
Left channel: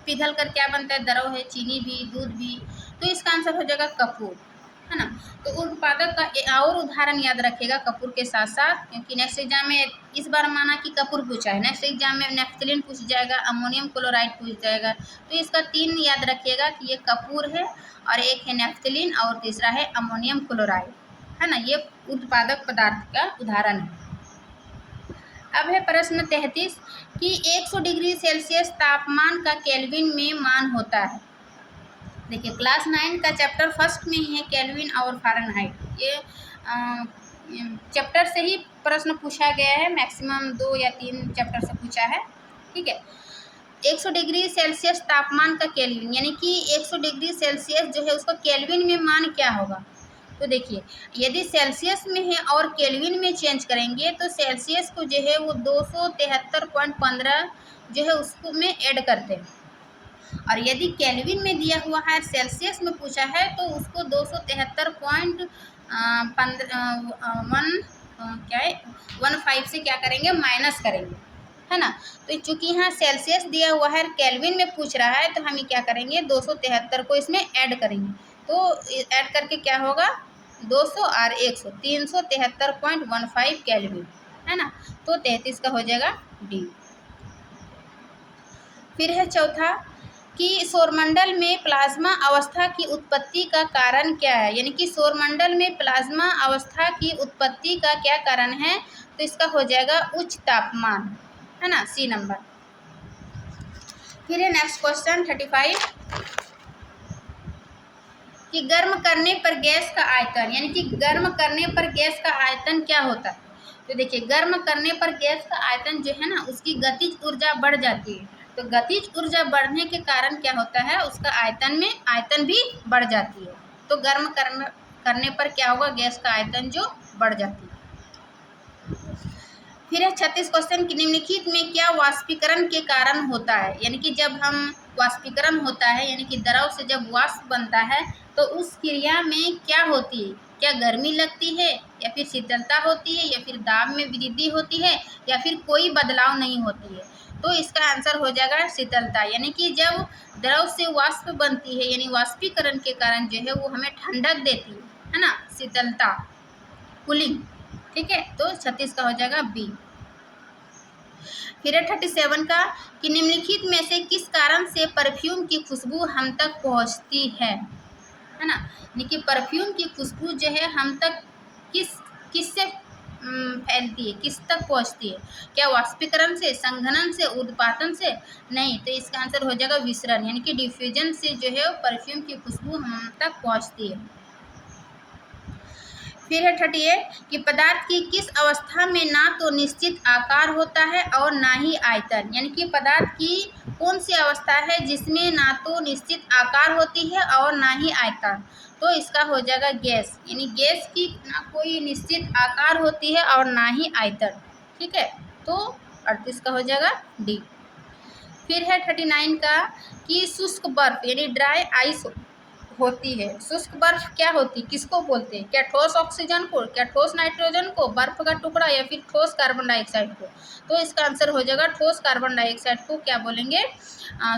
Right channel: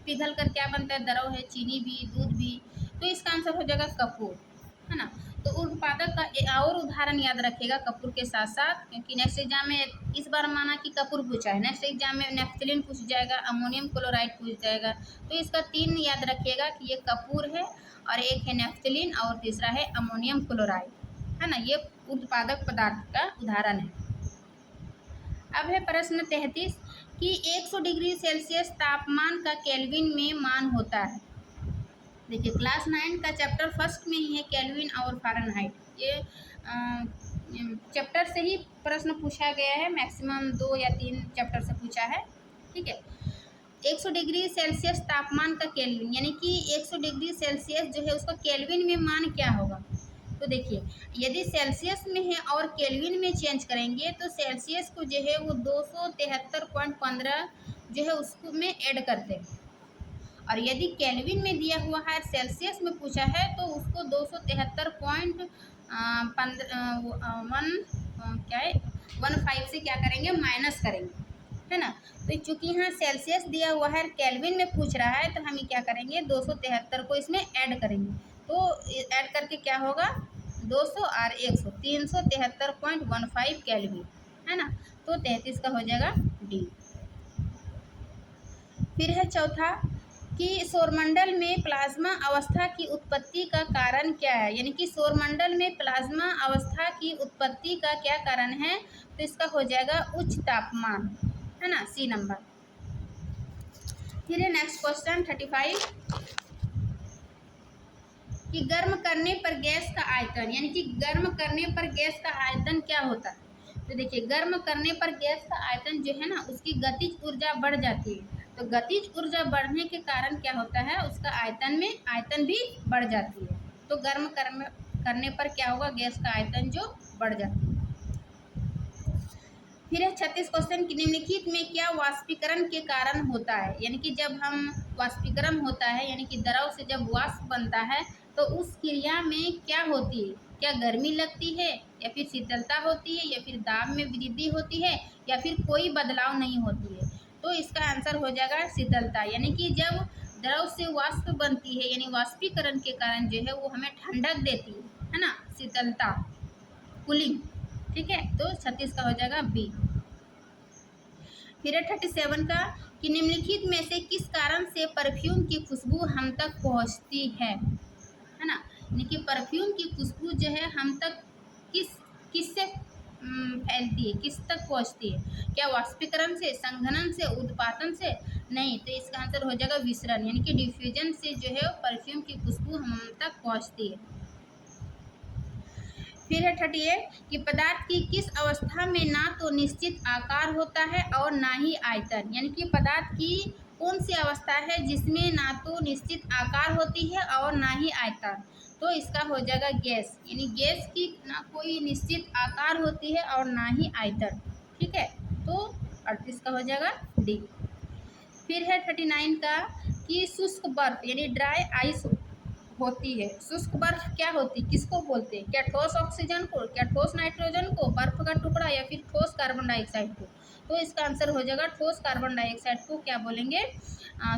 पिघल कर क्या बनता है, द्रव है, चीनी भी, दूध भी। तो इसका आंसर हो जाएगा कपूर, है ना। तो उत्पादक का और उदाहरण याद रखिएगा कपूर के साथ साथ, क्योंकि नेक्स्ट एग्जाम में इस बार माना कि कपूर पूछा है, नेक्स्ट एग्जाम में नेफ्थलीन पूछ जाएगा, अमोनियम क्लोराइड पूछ जाएगा। तो इसका 3 याद रखिएगा कि ये कपूर है, और एक है नेफ्थलीन, और तीसरा है अमोनियम क्लोराइड, है ना। ये उत्पादक पदार्थ का उदाहरण है। अब है प्रश्न 33 कि 100 डिग्री सेल्सियस तापमान का केल्विन में मान होता है। देखिए, क्लास 9 का चैप्टर फर्स्ट में ही है केल्विन और फ़ारेनहाइट। ये चैप्टर से ही प्रश्न पूछा गया है, मैक्सिमम 2 या 3 चैप्टर से पूछा है। ठीक है। 100 डिग्री सेल्सियस तापमान का केल्विन, यानी कि 100 डिग्री सेल्सियस जो है उसका केल्विन में मान क्या होगा। तो देखिए, यदि सेल्सियस में है और केल्विन में चेंज करेंगे तो सेल्सियस को जो है वो 273.15 जो है उसको में ऐड करते हैं, और यदि केल्विन में दिया हुआ है, सेल्सियस में पूछा है, तो उसको 273.15 से क्या करेंगे, माइनस करेंगे, है ना। तो चूंकि यहाँ सेल्सियस दिया हुआ है, केल्विन में पूछ रहा है, तो हम क्या करेंगे, 273 को इसमें ऐड करेंगे। तो ऐड करके क्या होगा, 200 और 100, 373.15 केल्विन, है ना। तो 33 का हो जाएगा डी। फिर है चौथा कि सौरमंडल में प्लाज्मा अवस्था की उत्पत्ति का कारण क्या है, यानी कि सौरमंडल में प्लाज्मा अवस्था की उत्पत्ति का क्या कारण है। तो इसका हो जाएगा उच्च तापमान, है ना, सी नंबर। फिर है नेक्स्ट क्वेश्चन 35 कि गर्म करने पर गैस का आयतन, यानी कि गर्म करने पर गैस का आयतन क्या होता है। तो देखिए, गर्म करने पर गैस का आयतन जो है ना, उसकी गतिज ऊर्जा बढ़ जाती है। तो गतिज ऊर्जा बढ़ने के कारण क्या होता है, उसका आयतन भी बढ़ जाती है। तो गर्म करने पर क्या होगा, गैस का आयतन जो बढ़ जाती है। फिर है 36 क्वेश्चन कि निम्नलिखित में क्या वाष्पीकरण के कारण होता है, यानी कि जब हम वाष्पीकरण होता है, यानी कि द्रव से जब वाष्प बनता है, तो उस क्रिया में क्या होती है, क्या गर्मी लगती है, या फिर शीतलता होती है, या फिर दाब में वृद्धि होती है, या फिर कोई बदलाव नहीं होती है। तो इसका आंसर हो जाएगा शीतलता, यानी कि जब द्रव से वाष्प बनती है, यानी वाष्पीकरण के कारण जो है वो हमें ठंडक देती है ना, शीतलता, कूलिंग, ठीक है। तो 36 का हो जाएगा बी। फिर 37 का कि निम्नलिखित में से किस कारण से परफ्यूम की खुशबू हम तक पहुंचती है ना। यानी कि परफ्यूम की खुशबू जो है हम तक किससे फैलती है, किस तक पहुंचती है, क्या वाष्पीकरण से, संघनन से, उद्पाटन से, नहीं। तो इसका आंसर हो जाएगा विसरण, यानी कि डिफ्यूजन से जो है परफ्यूम की खुशबू हम तक पहुंचती है। फिर है 38 कि पदार्थ की किस अवस्था में ना तो निश्चित आकार होता है और ना ही आयतन, यानी कि पदार्थ की कौन सी अवस्था है जिसमें ना तो निश्चित आकार होती है और ना ही आयतन। तो इसका हो जाएगा गैस, यानी गैस की ना कोई निश्चित आकार होती है और ना ही आयतन, ठीक है। तो 38 का हो जाएगा डी। फिर है 39 का कि शुष्क बर्फ यानी ड्राई आइस होती है। शुष्क बर्फ क्या होती, किसको बोलते हैं, क्या ठोस ऑक्सीजन को, क्या ठोस नाइट्रोजन को, बर्फ का टुकड़ा, या फिर ठोस कार्बन डाइऑक्साइड को। तो इसका आंसर हो जाएगा ठोस कार्बन डाइऑक्साइड को क्या बोलेंगे,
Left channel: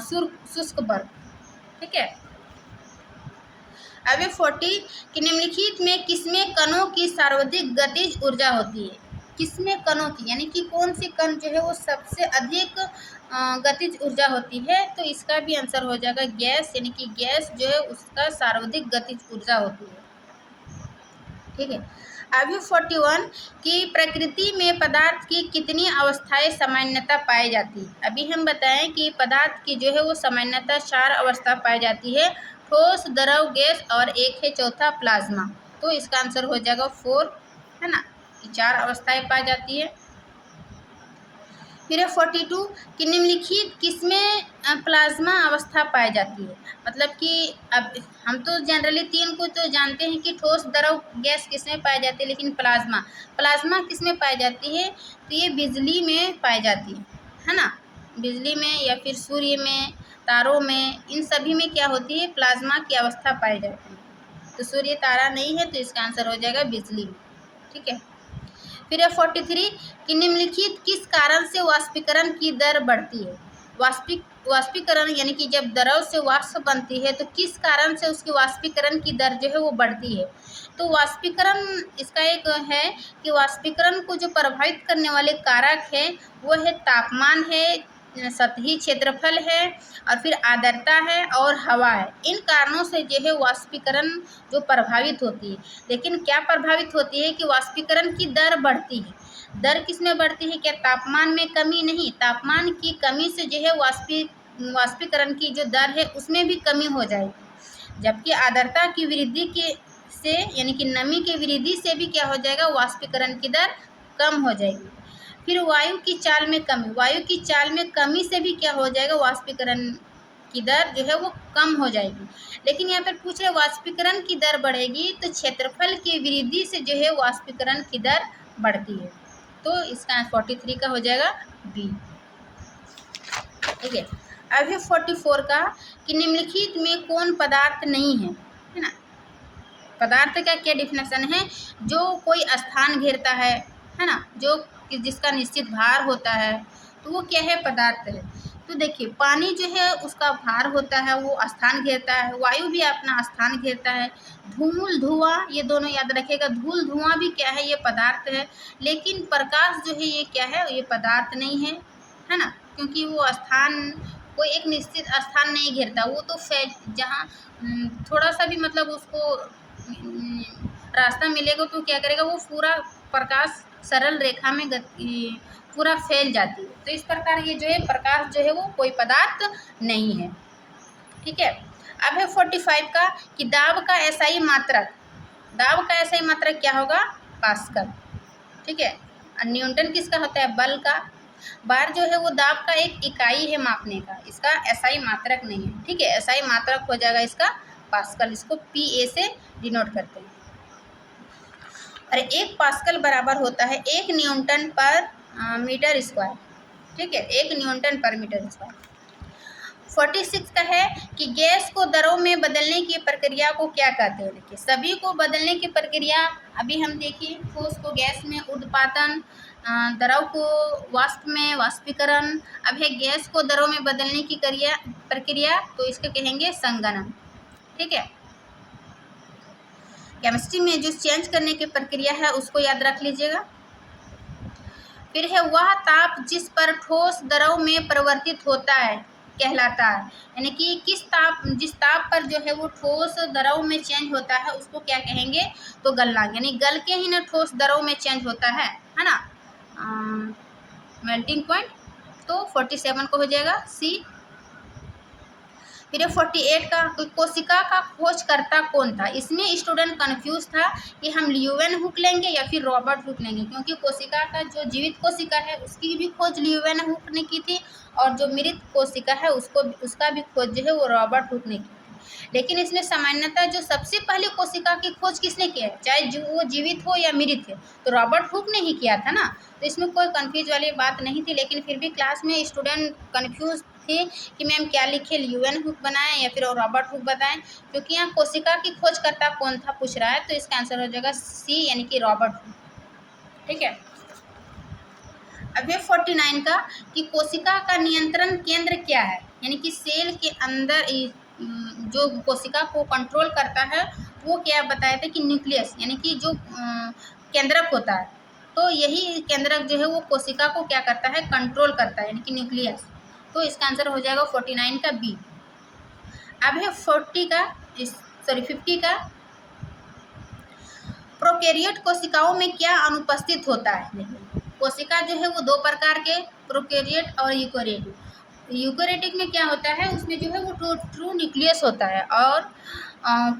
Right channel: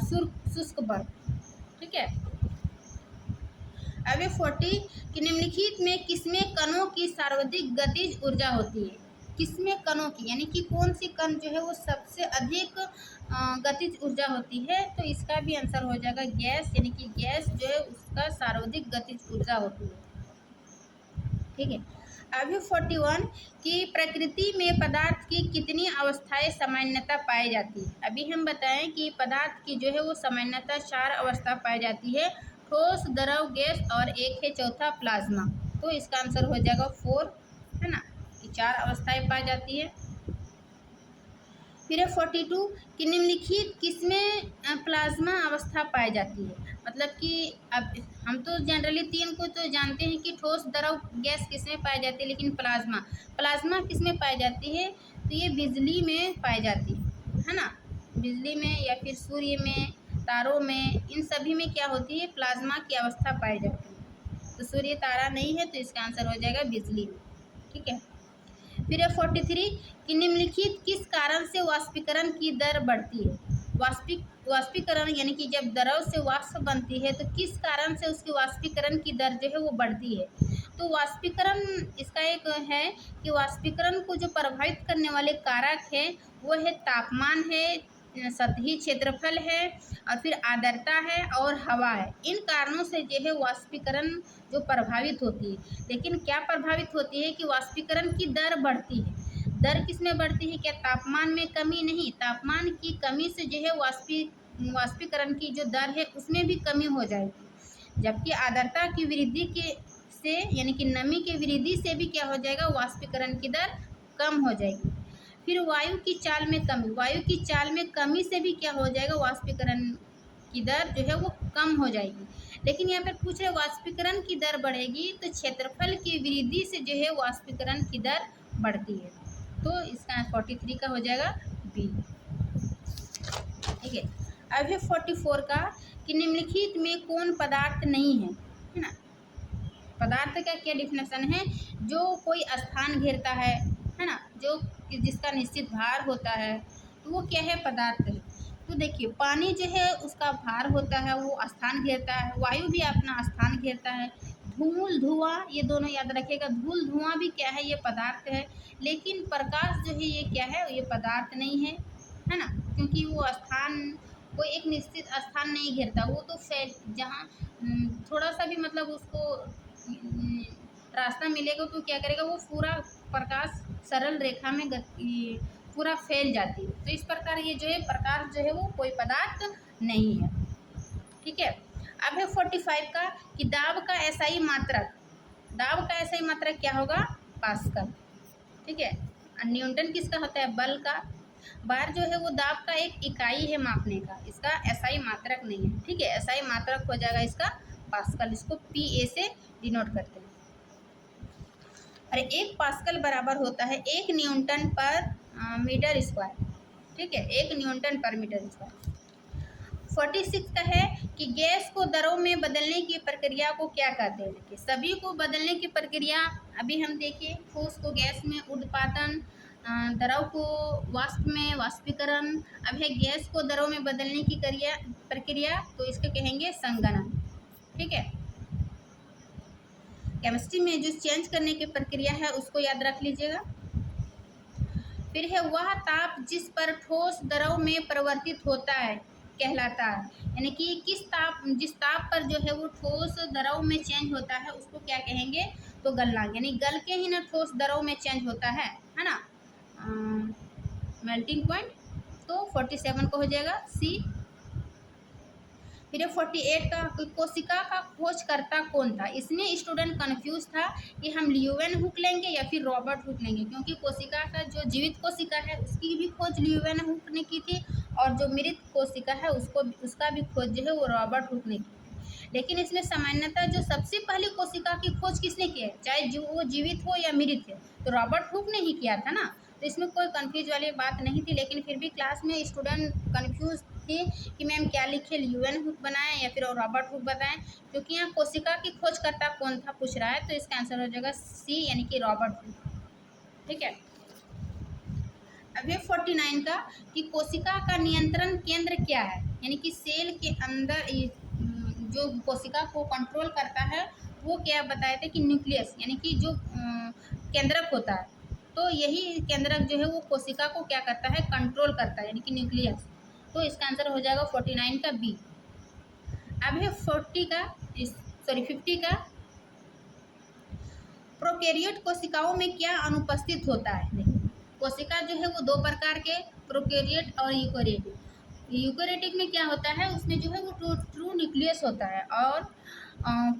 शुष्क बर्फ, ठीक है। अब 40 कि निम्नलिखित में किसमें कणों की सर्वाधिक गतिज ऊर्जा होती है, किसमें कणों की, यानी कि कौन सी कण जो है वो सबसे अधिक गतिज ऊर्जा होती है। तो इसका भी आंसर हो जाएगा गैस, यानी कि गैस जो है उसका सर्वाधिक गतिज ऊर्जा होती है, ठीक है। अभी 41 कि प्रकृति में पदार्थ की कितनी अवस्थाएं सामान्यतः पाई जाती है। अभी हम बताएं कि पदार्थ की जो है वो सामान्यतः 4 अवस्था पाई जाती है, ठोस, द्रव, गैस और एक है चौथा प्लाज्मा। तो इसका आंसर हो जाएगा 4, है ना, कि 4 अवस्थाएं पाई जाती है। फिर है 42 कि निम्नलिखित किसमें प्लाज्मा अवस्था पाई जाती है। मतलब कि अब हम तो जनरली 3 को तो जानते हैं कि ठोस, द्रव, गैस किसमें पाई जाती है, लेकिन प्लाज्मा किसमें पाई जाती है। तो ये बिजली में पाई जाती है ना, बिजली में या फिर सूर्य में, तारों में, इन सभी में क्या होती है, प्लाज्मा की अवस्था पाई जाती है। तो सूर्य तारा नहीं है, तो इसका आंसर हो जाएगा बिजली, ठीक है। फिर है 43 कि निम्नलिखित किस कारण से वाष्पीकरण की दर बढ़ती है। वाष्पीकरण यानी कि जब द्रव से वाष्प बनती है तो किस कारण से उसकी वाष्पीकरण की दर जो है वो बढ़ती है। तो वाष्पीकरण इसका एक है कि वाष्पीकरण को जो प्रभावित करने वाले कारक है वो है तापमान है, सतही क्षेत्रफल है, और फिर आर्द्रता है और हवा है। इन कारणों से जो है वाष्पीकरण जो प्रभावित होती है। लेकिन क्या प्रभावित होती है कि वाष्पीकरण की दर बढ़ती है। दर किस में बढ़ती है, क्या तापमान में कमी, नहीं, तापमान की कमी से जो है वाष्पीकरण की जो दर है उसमें भी कमी हो जाएगी। जबकि आर्द्रता की वृद्धि के से यानी कि नमी के वृद्धि से भी क्या हो जाएगा, वाष्पीकरण की दर कम हो जाएगी। फिर वायु की चाल में कमी से भी क्या हो जाएगा, वाष्पीकरण की दर जो है वो कम हो जाएगी। लेकिन यहाँ पर पूछ रहे वाष्पीकरण की दर बढ़ेगी तो क्षेत्रफल की वृद्धि से जो है वाष्पीकरण की दर बढ़ती है। तो इसका 43 का हो जाएगा बी, ठीक है। अभी 44 का कि निम्नलिखित में कौन पदार्थ नहीं है ना। पदार्थ का क्या डिफिनेशन है? जो कोई स्थान घेरता है ना, जो जिसका निश्चित भार होता है, तो वो क्या है? पदार्थ है। तो देखिए पानी जो है उसका भार होता है, वो स्थान घेरता है। वायु भी अपना स्थान घेरता है। धूल धुआं ये दोनों याद रखिएगा। धूल धुआं भी क्या है? ये पदार्थ है। लेकिन प्रकाश जो है ये क्या है? ये पदार्थ नहीं है ना, क्योंकि वो स्थान कोई एक निश्चित स्थान नहीं घेरता। वो तो जहाँ थोड़ा सा भी मतलब उसको रास्ता मिलेगा तो क्या करेगा? वो पूरा प्रकाश सरल रेखा में पूरा फैल जाती है। तो इस प्रकार ये जो है प्रकाश जो है वो कोई पदार्थ नहीं है। ठीक है। अब है 45 का कि दाब का एसआई मात्रक। दाब का एसआई मात्रक क्या होगा? पास्कल। ठीक है। और न्यूटन किसका होता है? बल का। बार जो है वो दाब का एक इकाई है मापने का, इसका एसआई मात्रक नहीं है। ठीक है। एसआई मात्रक हो जाएगा इसका पास्कल, इसको पीए से डिनोट करते हैं। और एक पास्कल बराबर होता है 1 न्यूटन पर मीटर स्क्वायर। ठीक है, 1 न्यूटन पर मीटर स्क्वायर। 46 का है कि गैस को दरों में बदलने की प्रक्रिया को क्या कहते हैं? देखिए सभी को बदलने की प्रक्रिया अभी हम देखिए, ठोस को गैस में उर्ध्वपातन, द्रव को वाष्प में वाष्पीकरण। अब है गैस को दरों में बदलने की प्रक्रिया, तो इसको कहेंगे संघनन। ठीक है। केमिस्ट्री में जो चेंज करने की प्रक्रिया है उसको याद रख लीजिएगा। फिर है वह ताप जिस पर ठोस द्रव में परिवर्तित होता है कहलाता है। यानी कि जिस ताप पर जो है वो ठोस द्रव में चेंज होता है उसको क्या कहेंगे? तो गलनांक। यानी गल के ही ना ठोस द्रव में चेंज होता है ना। Melting point. तो 47 को हो जाएगा सी। फिर 48 का कोशिका का खोजकर्ता कौन था? इसमें स्टूडेंट कंफ्यूज था कि हम ल्यूवेन हुक लेंगे या फिर रॉबर्ट हुक लेंगे, क्योंकि कोशिका का जो जीवित कोशिका है उसकी भी खोज ल्यूवेन हुक ने की थी, और जो मृत कोशिका है उसका भी खोज जो है वो रॉबर्ट हुक ने की थी। लेकिन इसमें सामान्यतः जो सबसे पहले कोशिका की खोज किसने किया है, चाहे वो जीवित हो या मृत है, तो रॉबर्ट हुक ने ही किया था ना। तो इसमें कोई कन्फ्यूज वाली बात नहीं थी। लेकिन फिर भी क्लास में स्टूडेंट कन्फ्यूज थे कि मैम क्या लिखे, ल्यूवेन हुक बनाएं या फिर रॉबर्ट हुक बताएं, क्योंकि यहाँ कोशिका की खोजकर्ता कौन था पूछ रहा है। तो इसका आंसर हो जाएगा सी, यानी कि रॉबर्ट हुक। ठीक है। अब ये 49 का कि कोशिका का नियंत्रण केंद्र क्या है? यानी कि सेल के अंदर जो कोशिका को कंट्रोल करता है वो क्या बताया था? कि न्यूक्लियस, यानी कि जो केंद्रक होता है, तो यही केंद्रक जो है वो कोशिका को क्या करता है? कंट्रोल करता है, यानी कि न्यूक्लियस। तो इसका आंसर हो जाएगा 49 का बी। अब है 50 का प्रोकैरियोट कोशिकाओं में क्या अनुपस्थित होता है? कोशिका जो है वो दो प्रकार के, प्रोकैरियोट और यूकेरियोटिक। यूकेरियोटिक में क्या होता है? उसमें जो है वो ट्रू न्यूक्लियस होता है, और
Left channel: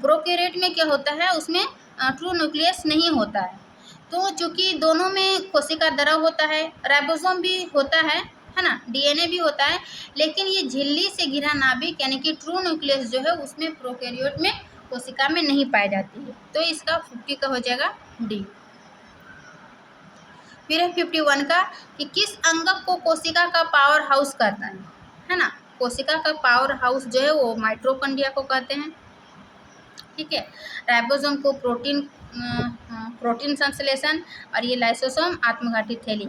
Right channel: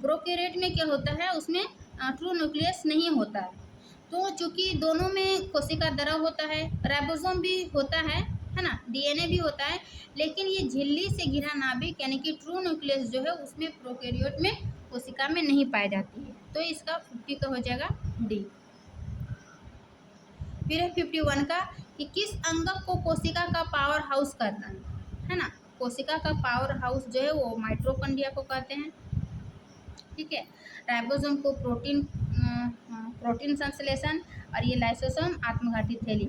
प्रोकैरियोट में क्या होता है? उसमें ट्रू न्यूक्लियस नहीं होता है। तो चूंकि दोनों में कोशिका द्रव होता है, राइबोसोम भी होता है ना, डीएनए भी होता है, लेकिन ये झिल्ली से घिरा नाभिक यानी कि ट्रू न्यूक्लियस जो है उसमें प्रोकैरियोट में कोशिका में नहीं पाई जाती है। तो इसका 50 का हो जाएगा डी। फिर है 51 का कि किस अंगक को कोशिका का पावर हाउस कहता है ना। कोशिका का पावर हाउस जो है वो माइटोकॉन्ड्रिया को कहते हैं। ठीक है। राइबोसोम को प्रोटीन संश्लेषण, और ये लाइसोसोम आत्मघाती थैली।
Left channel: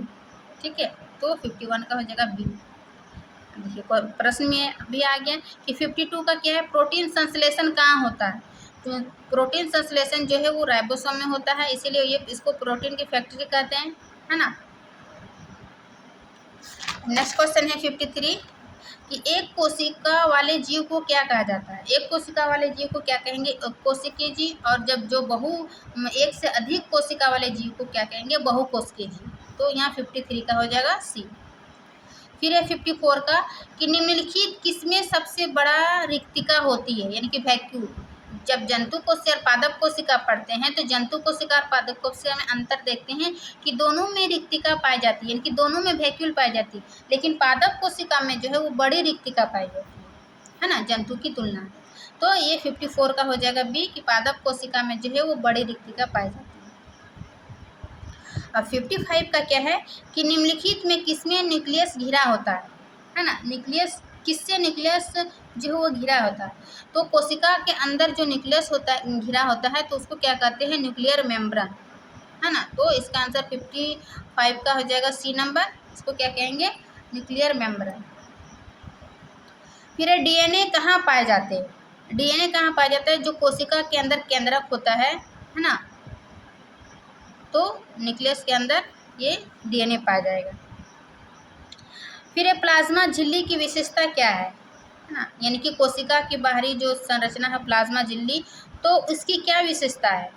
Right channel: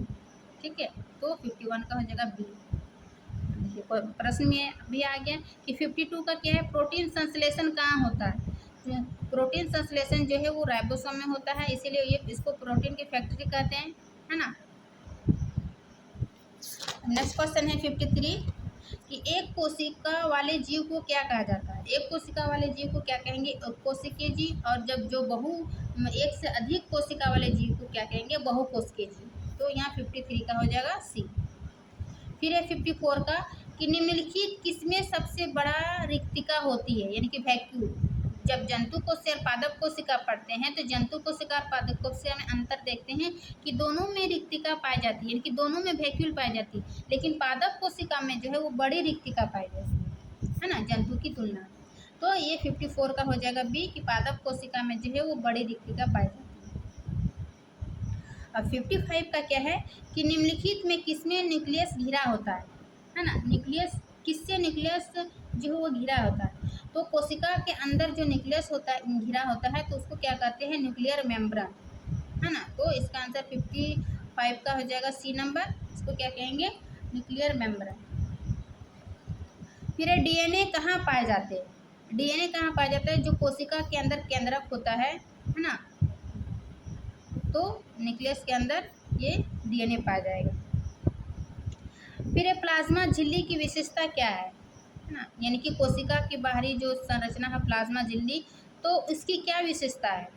ठीक है। तो 51 का हो जाएगा बी। देखिए प्रश्न में भी आ गया कि 52 का क्या है? प्रोटीन संश्लेषण कहाँ होता है? तो प्रोटीन संश्लेषण जो है वो राइबोसोम में होता है, इसीलिए ये इसको प्रोटीन की फैक्ट्री कहते हैं, है ना। नेक्स्ट क्वेश्चन है 53 कि एक कोशिका वाले जीव को क्या कहा जाता है? एक कोशिका वाले जीव को क्या कहेंगे? कोशिकीय जीव। और जब जो एक से अधिक कोशिका वाले जीव को क्या कहेंगे? बहुकोशिकीय जीव। तो यहाँ 53 का हो जाएगा सी। फिर है 54 का कि निम्नलिखित किसमें सबसे बड़ा रिक्तिका होती है? यानी कि वैक्यूल। जब जंतु कोशिका और पादप कोशिका पढ़ते हैं तो जंतु कोशिका और पादप कोशिका में अंतर देखते हैं कि दोनों में रिक्तिका पाई जाती है, यानी कि दोनों में वैक्यूल पाई जाती है, लेकिन पादप कोशिका में जो है वो बड़ी रिक्तिका पाई जाती है ना, जंतु की तुलना में। तो ये 54 का हो जाएगा बी कि पादप कोशिका में जो है वो बड़ी रिक्तिका पाई जाती है। अब 55 का क्या है कि निम्नलिखित में किसमें न्यूक्लियस घिरा होता है ना। न्यूक्लियस किससे न्यूक्लियस जो है वो घिरा होता है? तो कोशिका के अंदर जो न्यूक्लियस होता है, घिरा होता है, तो उसको क्या कहते हैं? न्यूक्लियर मेम्ब्रेन, है ना। तो इसका आंसर 55 का हो जाएगा सी नंबर। इसको क्या कहेंगे? Nuclear membrane. फिर डीएनए कहाँ पाए जाते हैं? डीएनए कहाँ पाया जाता है? जो कोशिका के अंदर केंद्रक होता है ना, तो न्यूक्लियस के अंदर ये डीएनए पाया जाएगा। फिर प्लाज्मा झिल्ली की विशेषता क्या है ना, यानी कि कोशिका की बाहरी जो संरचना है प्लाज्मा झिल्ली, तो उसकी क्या विशेषता है?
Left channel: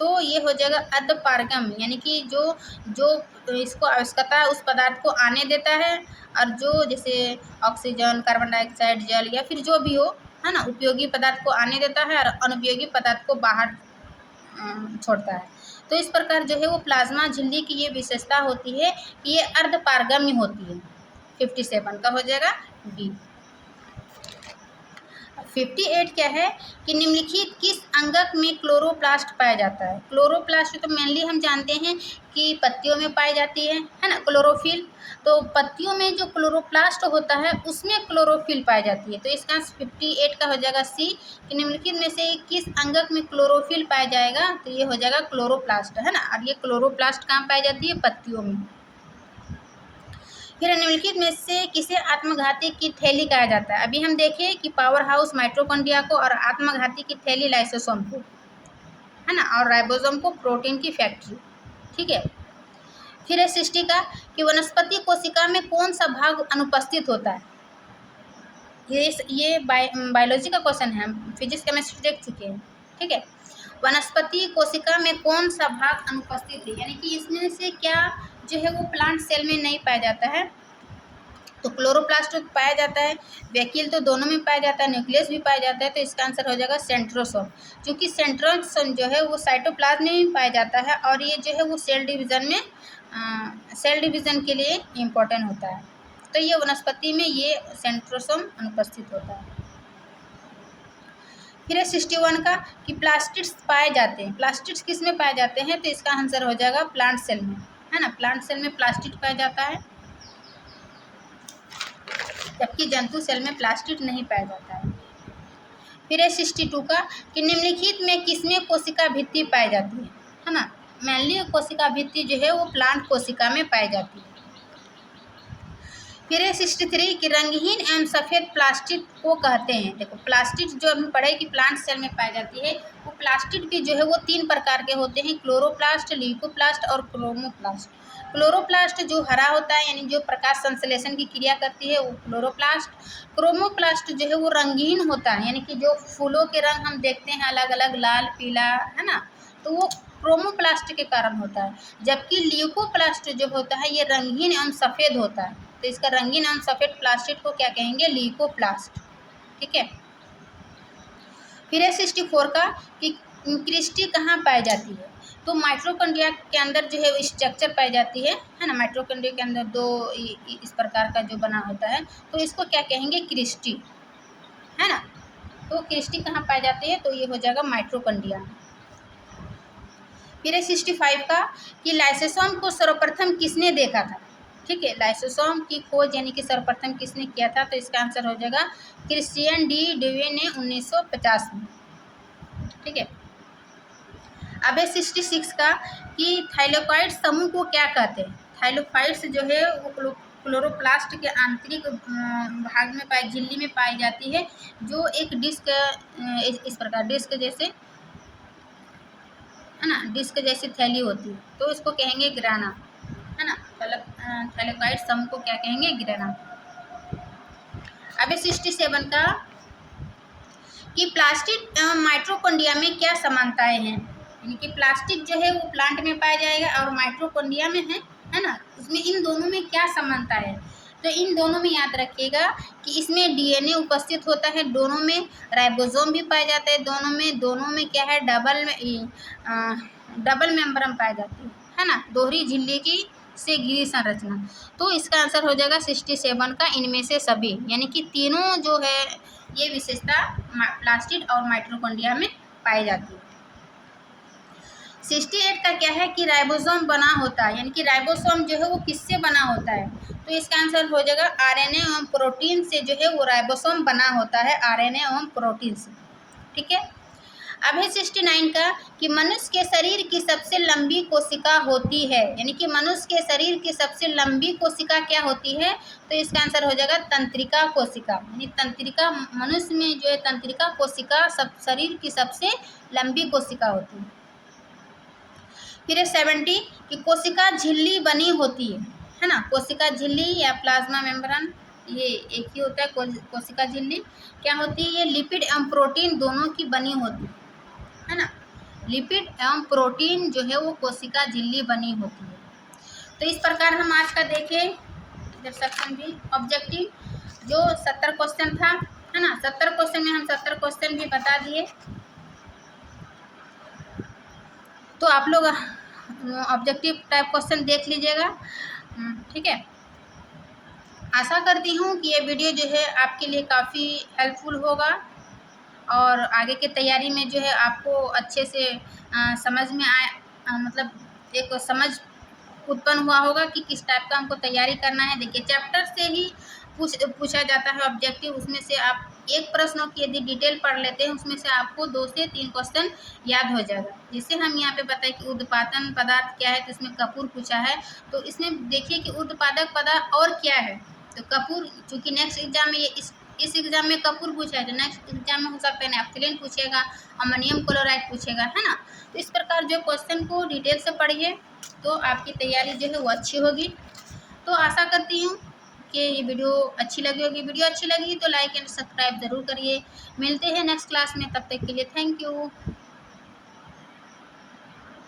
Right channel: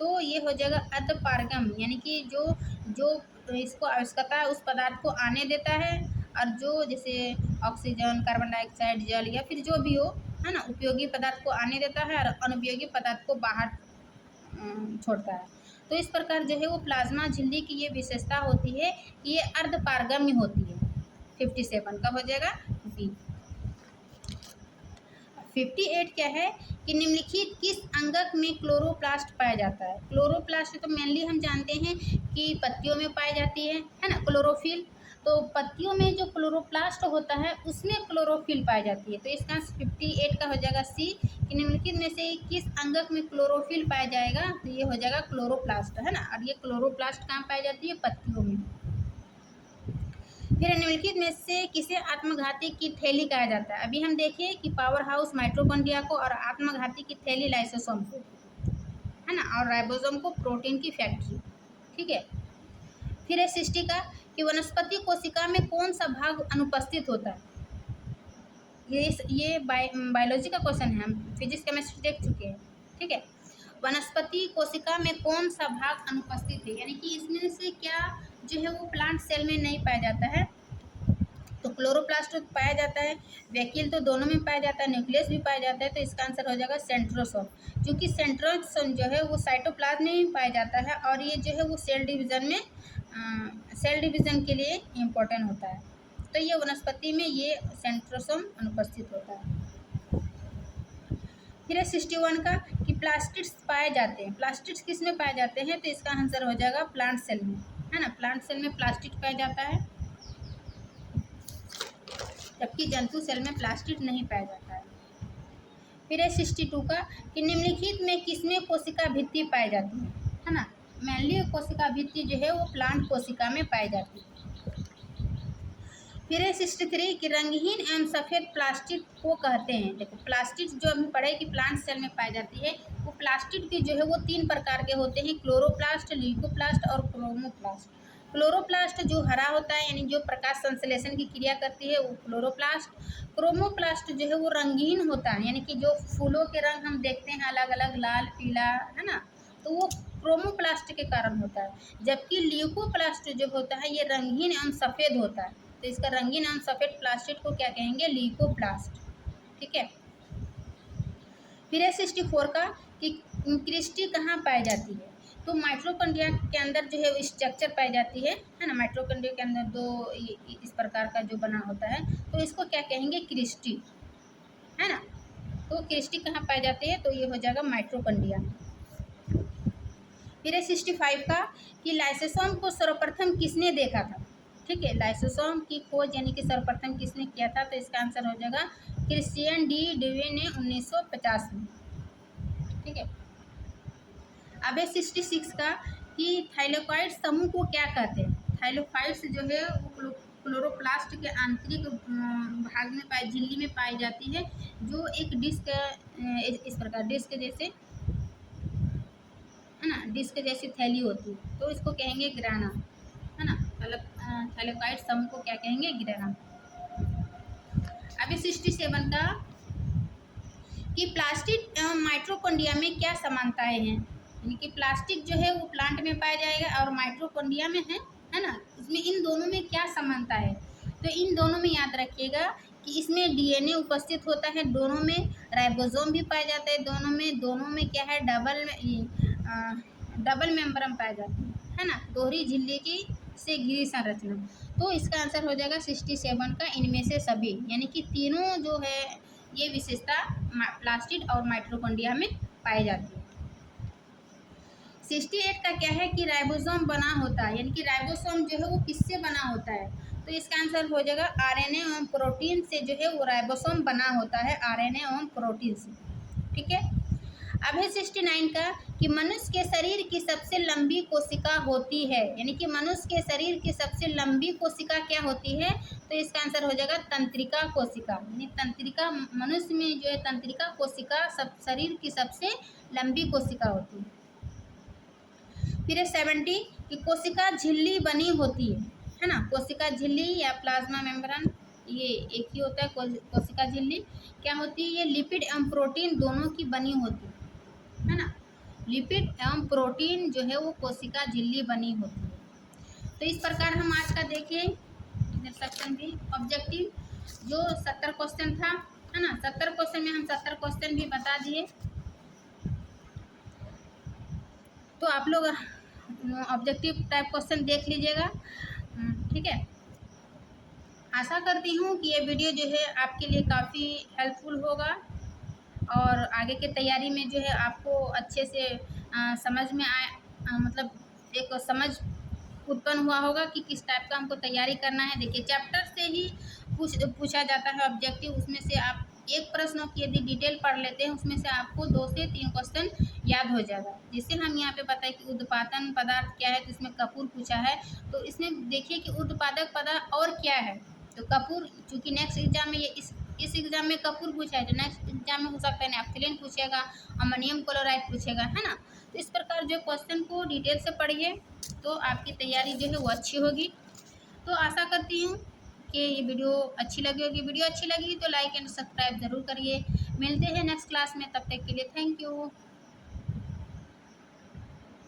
तो ये हो जाएगा अर्धपारगम, यानी कि जो जो इसको आवश्यकता है उस पदार्थ को आने देता है, और जो जैसे ऑक्सीजन, कार्बन डाइऑक्साइड, जल या फिर जो भी हो, है ना, उपयोगी पदार्थ को आने देता है और अनुपयोगी पदार्थ को बाहर छोड़ता है। तो इस प्रकार जो है वो प्लाज्मा झिल्ली की ये विशेषता होती है कि ये अर्धपारगम्य होती है। 57 का हो जाएगा बी। 58 क्या है कि निम्नलिखित किस अंगक में क्लोरोप्लास्ट पाया जाता है? क्लोरोप्लास्ट तो मेनली हम जानते हैं कि पत्तियों में पाई जाती है ना, क्लोरोफिल। तो पत्तियों में जो क्लोरोप्लास्ट होता है उसमें क्लोरोफिल पाई जाती है। तो इसका 58 का हो जाएगा सी कि निम्नलिखित में से किस अंगक में क्लोरोफिल पाया जाएगा? तो ये हो जाएगा क्लोरोप्लास्ट, है ना। और ये क्लोरोप्लास्ट कहाँ पाई जाती है? पत्तियों में। फिर निम्नलिखित में से किसे आत्मघाती की थैली कहा जाता है? अभी हम देखें कि पावर हाउस माइटोकॉन्ड्रिया को, और आत्मघाती की थैली लाइसोसोम को, है ना, और राइबोसोम को प्रोटीन की फैक्ट्री। ठीक है। फिर है सृष्टि का कि वनस्पति कोशिका में कौन सा भाग अनुपस्थित होता है? ये बायोलॉजी का क्वेश्चन है, हम फिजिक्स केमिस्ट्री देख चुके हैं। ठीक है। वनस्पति कोशिका में कौन सा भाग अनुपस्थित है, यानी कि इसमें से क्या जो है वो प्लांट सेल में नहीं पाया जाता है? तो क्लोरोप्लास्ट पाया जाता है, वैक्यूल तो दोनों में पाया जाता है, न्यूक्लियस भी पाया जाता है। तो इसका आंसर हो जाएगा सेंट्रोसोम, क्योंकि सेंट्रोसोम जो है वो साइटोप्लाज्म में भी पाया जाता है, और ये जो है वो सेल डिवीज़न के लिए इम्पोर्टेंट होता है। तो ये वनस्पति में ये सेंट्रोसोम अनुपस्थित होता है। फिर है 61 का कि प्लास्टिड्स पाए जाते हैं। प्लास्टिड्स किस में पाए जाते हैं? तो इसका आंसर हो जाएगा प्लांट सेल में, है ना। प्लांट सेल में प्लास्टिड पाया जाता है, जबकि जंतु सेल में प्लास्टिड नहीं पाया जाता है। फिर है 62 का कि निम्नलिखित में किसमें कोशिका भित्ति पाई जाती है ना। मेनली कोशिका भित्ति जो है वो प्लांट कोशिका में पाई जाती है। फिर है 63 कि रंगहीन एवं सफ़ेद प्लास्टिड को कहते हैं। देखो प्लास्टिड जो हम पढ़े कि प्लांट सेल में पाई जाती है, वो प्लास्टिड भी जो है वो 3 प्रकार के होते हैं, क्लोरोप्लास्ट, ल्यूकोप्लास्ट और क्रोमोप्लास्ट। क्लोरोप्लास्ट जो हरा होता है, यानी जो प्रकाश संश्लेषण की क्रिया करती है, वो क्लोरोप्लास्ट। क्रोमोप्लास्ट जो है वो रंगीन होता है, यानी कि जो फूलों के रंग हम देखते हैं अलग अलग, लाल, पीला, है ना, तो वो क्रोमोप्लास्ट के कारण होता है। जबकि ल्यूकोप्लास्ट जो होता है ये रंगीन एवं सफ़ेद होता है। तो इसका रंगीन एवं सफ़ेद प्लास्टिड को क्या कहेंगे? ल्यूकोप्लास्ट। ठीक है। फिर है 64 का कि क्रिस्टी कहाँ पाई जाती है? तो माइटोकॉन्ड्रिया के अंदर जो है स्ट्रक्चर पाई जाती है ना। माइटोकॉन्ड्रिया के अंदर दो इस प्रकार का जो बना होता है, तो इसको क्या कहेंगे? क्रिस्टी, है ना। तो क्रिस्टी कहाँ पाई जाती है? तो ये हो जाएगा माइटोकॉन्ड्रिया। फिर है 65 का कि लाइसोसोम को सर्वप्रथम किसने देखा था? ठीक है। लाइसोसोम की खोज यानी कि सर्वप्रथम किसने किया था? तो इसका आंसर हो जाएगा क्रिश्चियन डी डेवे ने 1950 में। ठीक है। अब है 66 का कि थाइलोकाइड समूह को क्या कहते हैं? थाइलोकाइड्स जो है वो क्लोरोप्लास्ट के आंतरिक भाग में पाई, झिल्ली में पाई जाती है, जो एक डिस्क इस प्रकार डिस्क जैसे, है ना, डिस्क जैसी थैली होती है। तो इसको कहेंगे ग्राना, है ना। थाइलोकाइड समूह को क्या कहेंगे? ग्राना। अब 67 का कि प्लास्टिड एवं माइटोकॉन्ड्रिया में क्या समानताएं हैं? यानी कि प्लास्टिक जो है वो प्लांट में पाया जाएगा और माइटोकॉन्ड्रिया में है ना। उसमें इन दोनों में क्या समानता है? तो इन दोनों में याद रखिएगा कि इसमें डीएनए उपस्थित होता है, दोनों में राइबोसोम भी पाया जाता है, दोनों में क्या है? डबल मेम्ब्रेन पाई जाती है ना, दोहरी झिल्ली की से घिरी संरचना। तो इसका आंसर हो जाएगा 67 का इनमें से सभी, यानी कि तीनों जो है ये विशेषता प्लास्टिड और माइटोकॉन्ड्रिया में पाई जाती है। 68 का क्या है कि राइबोसोम बना होता है, यानी कि राइबोसोम जो है वो किससे बना होता है? तो इसका आंसर हो जाएगा आरएनए एवं प्रोटीन से जो है वो राइबोसोम बना होता है, आरएनए एवं प्रोटीन से। ठीक है। अब है 69 का कि मनुष्य के शरीर की सबसे लंबी कोशिका होती है, यानी कि मनुष्य के शरीर की सबसे लंबी कोशिका क्या होती है, तो इसका आंसर हो जाएगा तंत्रिका कोशिका। यानी तंत्रिका, मनुष्य में जो है तंत्रिका कोशिका सब शरीर की सबसे लंबी कोशिका होती है। फिर है 70 कि कोशिका झिल्ली बनी होती है ना। कोशिका झिल्ली या प्लाज्मा मेम्ब्रेन ये एक ही होता है। कोशिका झिल्ली क्या होती है, ये लिपिड एवं प्रोटीन दोनों की बनी होती है ना। लिपिड एवं प्रोटीन जो है वो कोशिका झिल्ली बनी होती है। तो इस प्रकार हम आज का देखें सेक्शन भी ऑब्जेक्टिव जो 70 क्वेश्चन था, है ना। 70 क्वेश्चन में हम 70 क्वेश्चन भी बता दिए। तो आप लोग ऑब्जेक्टिव टाइप क्वेश्चन देख लीजिएगा। ठीक है। आशा करती हूँ कि ये वीडियो जो है आपके लिए काफ़ी हेल्पफुल होगा और आगे की तैयारी में जो है आपको अच्छे से समझ में आए, मतलब एक समझ उत्पन्न हुआ होगा कि किस टाइप का हमको तैयारी करना है। देखिए चैप्टर से ही पूछा जाता है ऑब्जेक्टिव, उसमें से आप एक प्रश्नों की यदि डिटेल पढ़ लेते हैं उसमें से आपको 2 से 3 क्वेश्चन याद हो जाएगा। जैसे हम यहाँ पे बताएं कि उत्पादन पदार्थ क्या है, तो इसमें कपूर पूछा है, तो इसमें देखिए कि उत्पादक पदार्थ और क्या है, तो कपूर, चूँकि नेक्स्ट एग्जाम में ये इस एग्जाम में कपूर पूछा है, तो नेक्स्ट एग्जाम में हो सकता है नैप्थलीन पूछेगा, अमोनियम क्लोराइड पूछेगा, है ना। तो इस प्रकार जो क्वेश्चन को डिटेल से पढ़िए तो आपकी तैयारी जो है वो अच्छी होगी। तो आशा करती हूँ कि ये वीडियो अच्छी लगी होगी। वीडियो अच्छी लगी तो लाइक एंड सब्सक्राइब ज़रूर करिए। मिलते हैं नेक्स्ट क्लास में, तब तक के लिए थैंक यू।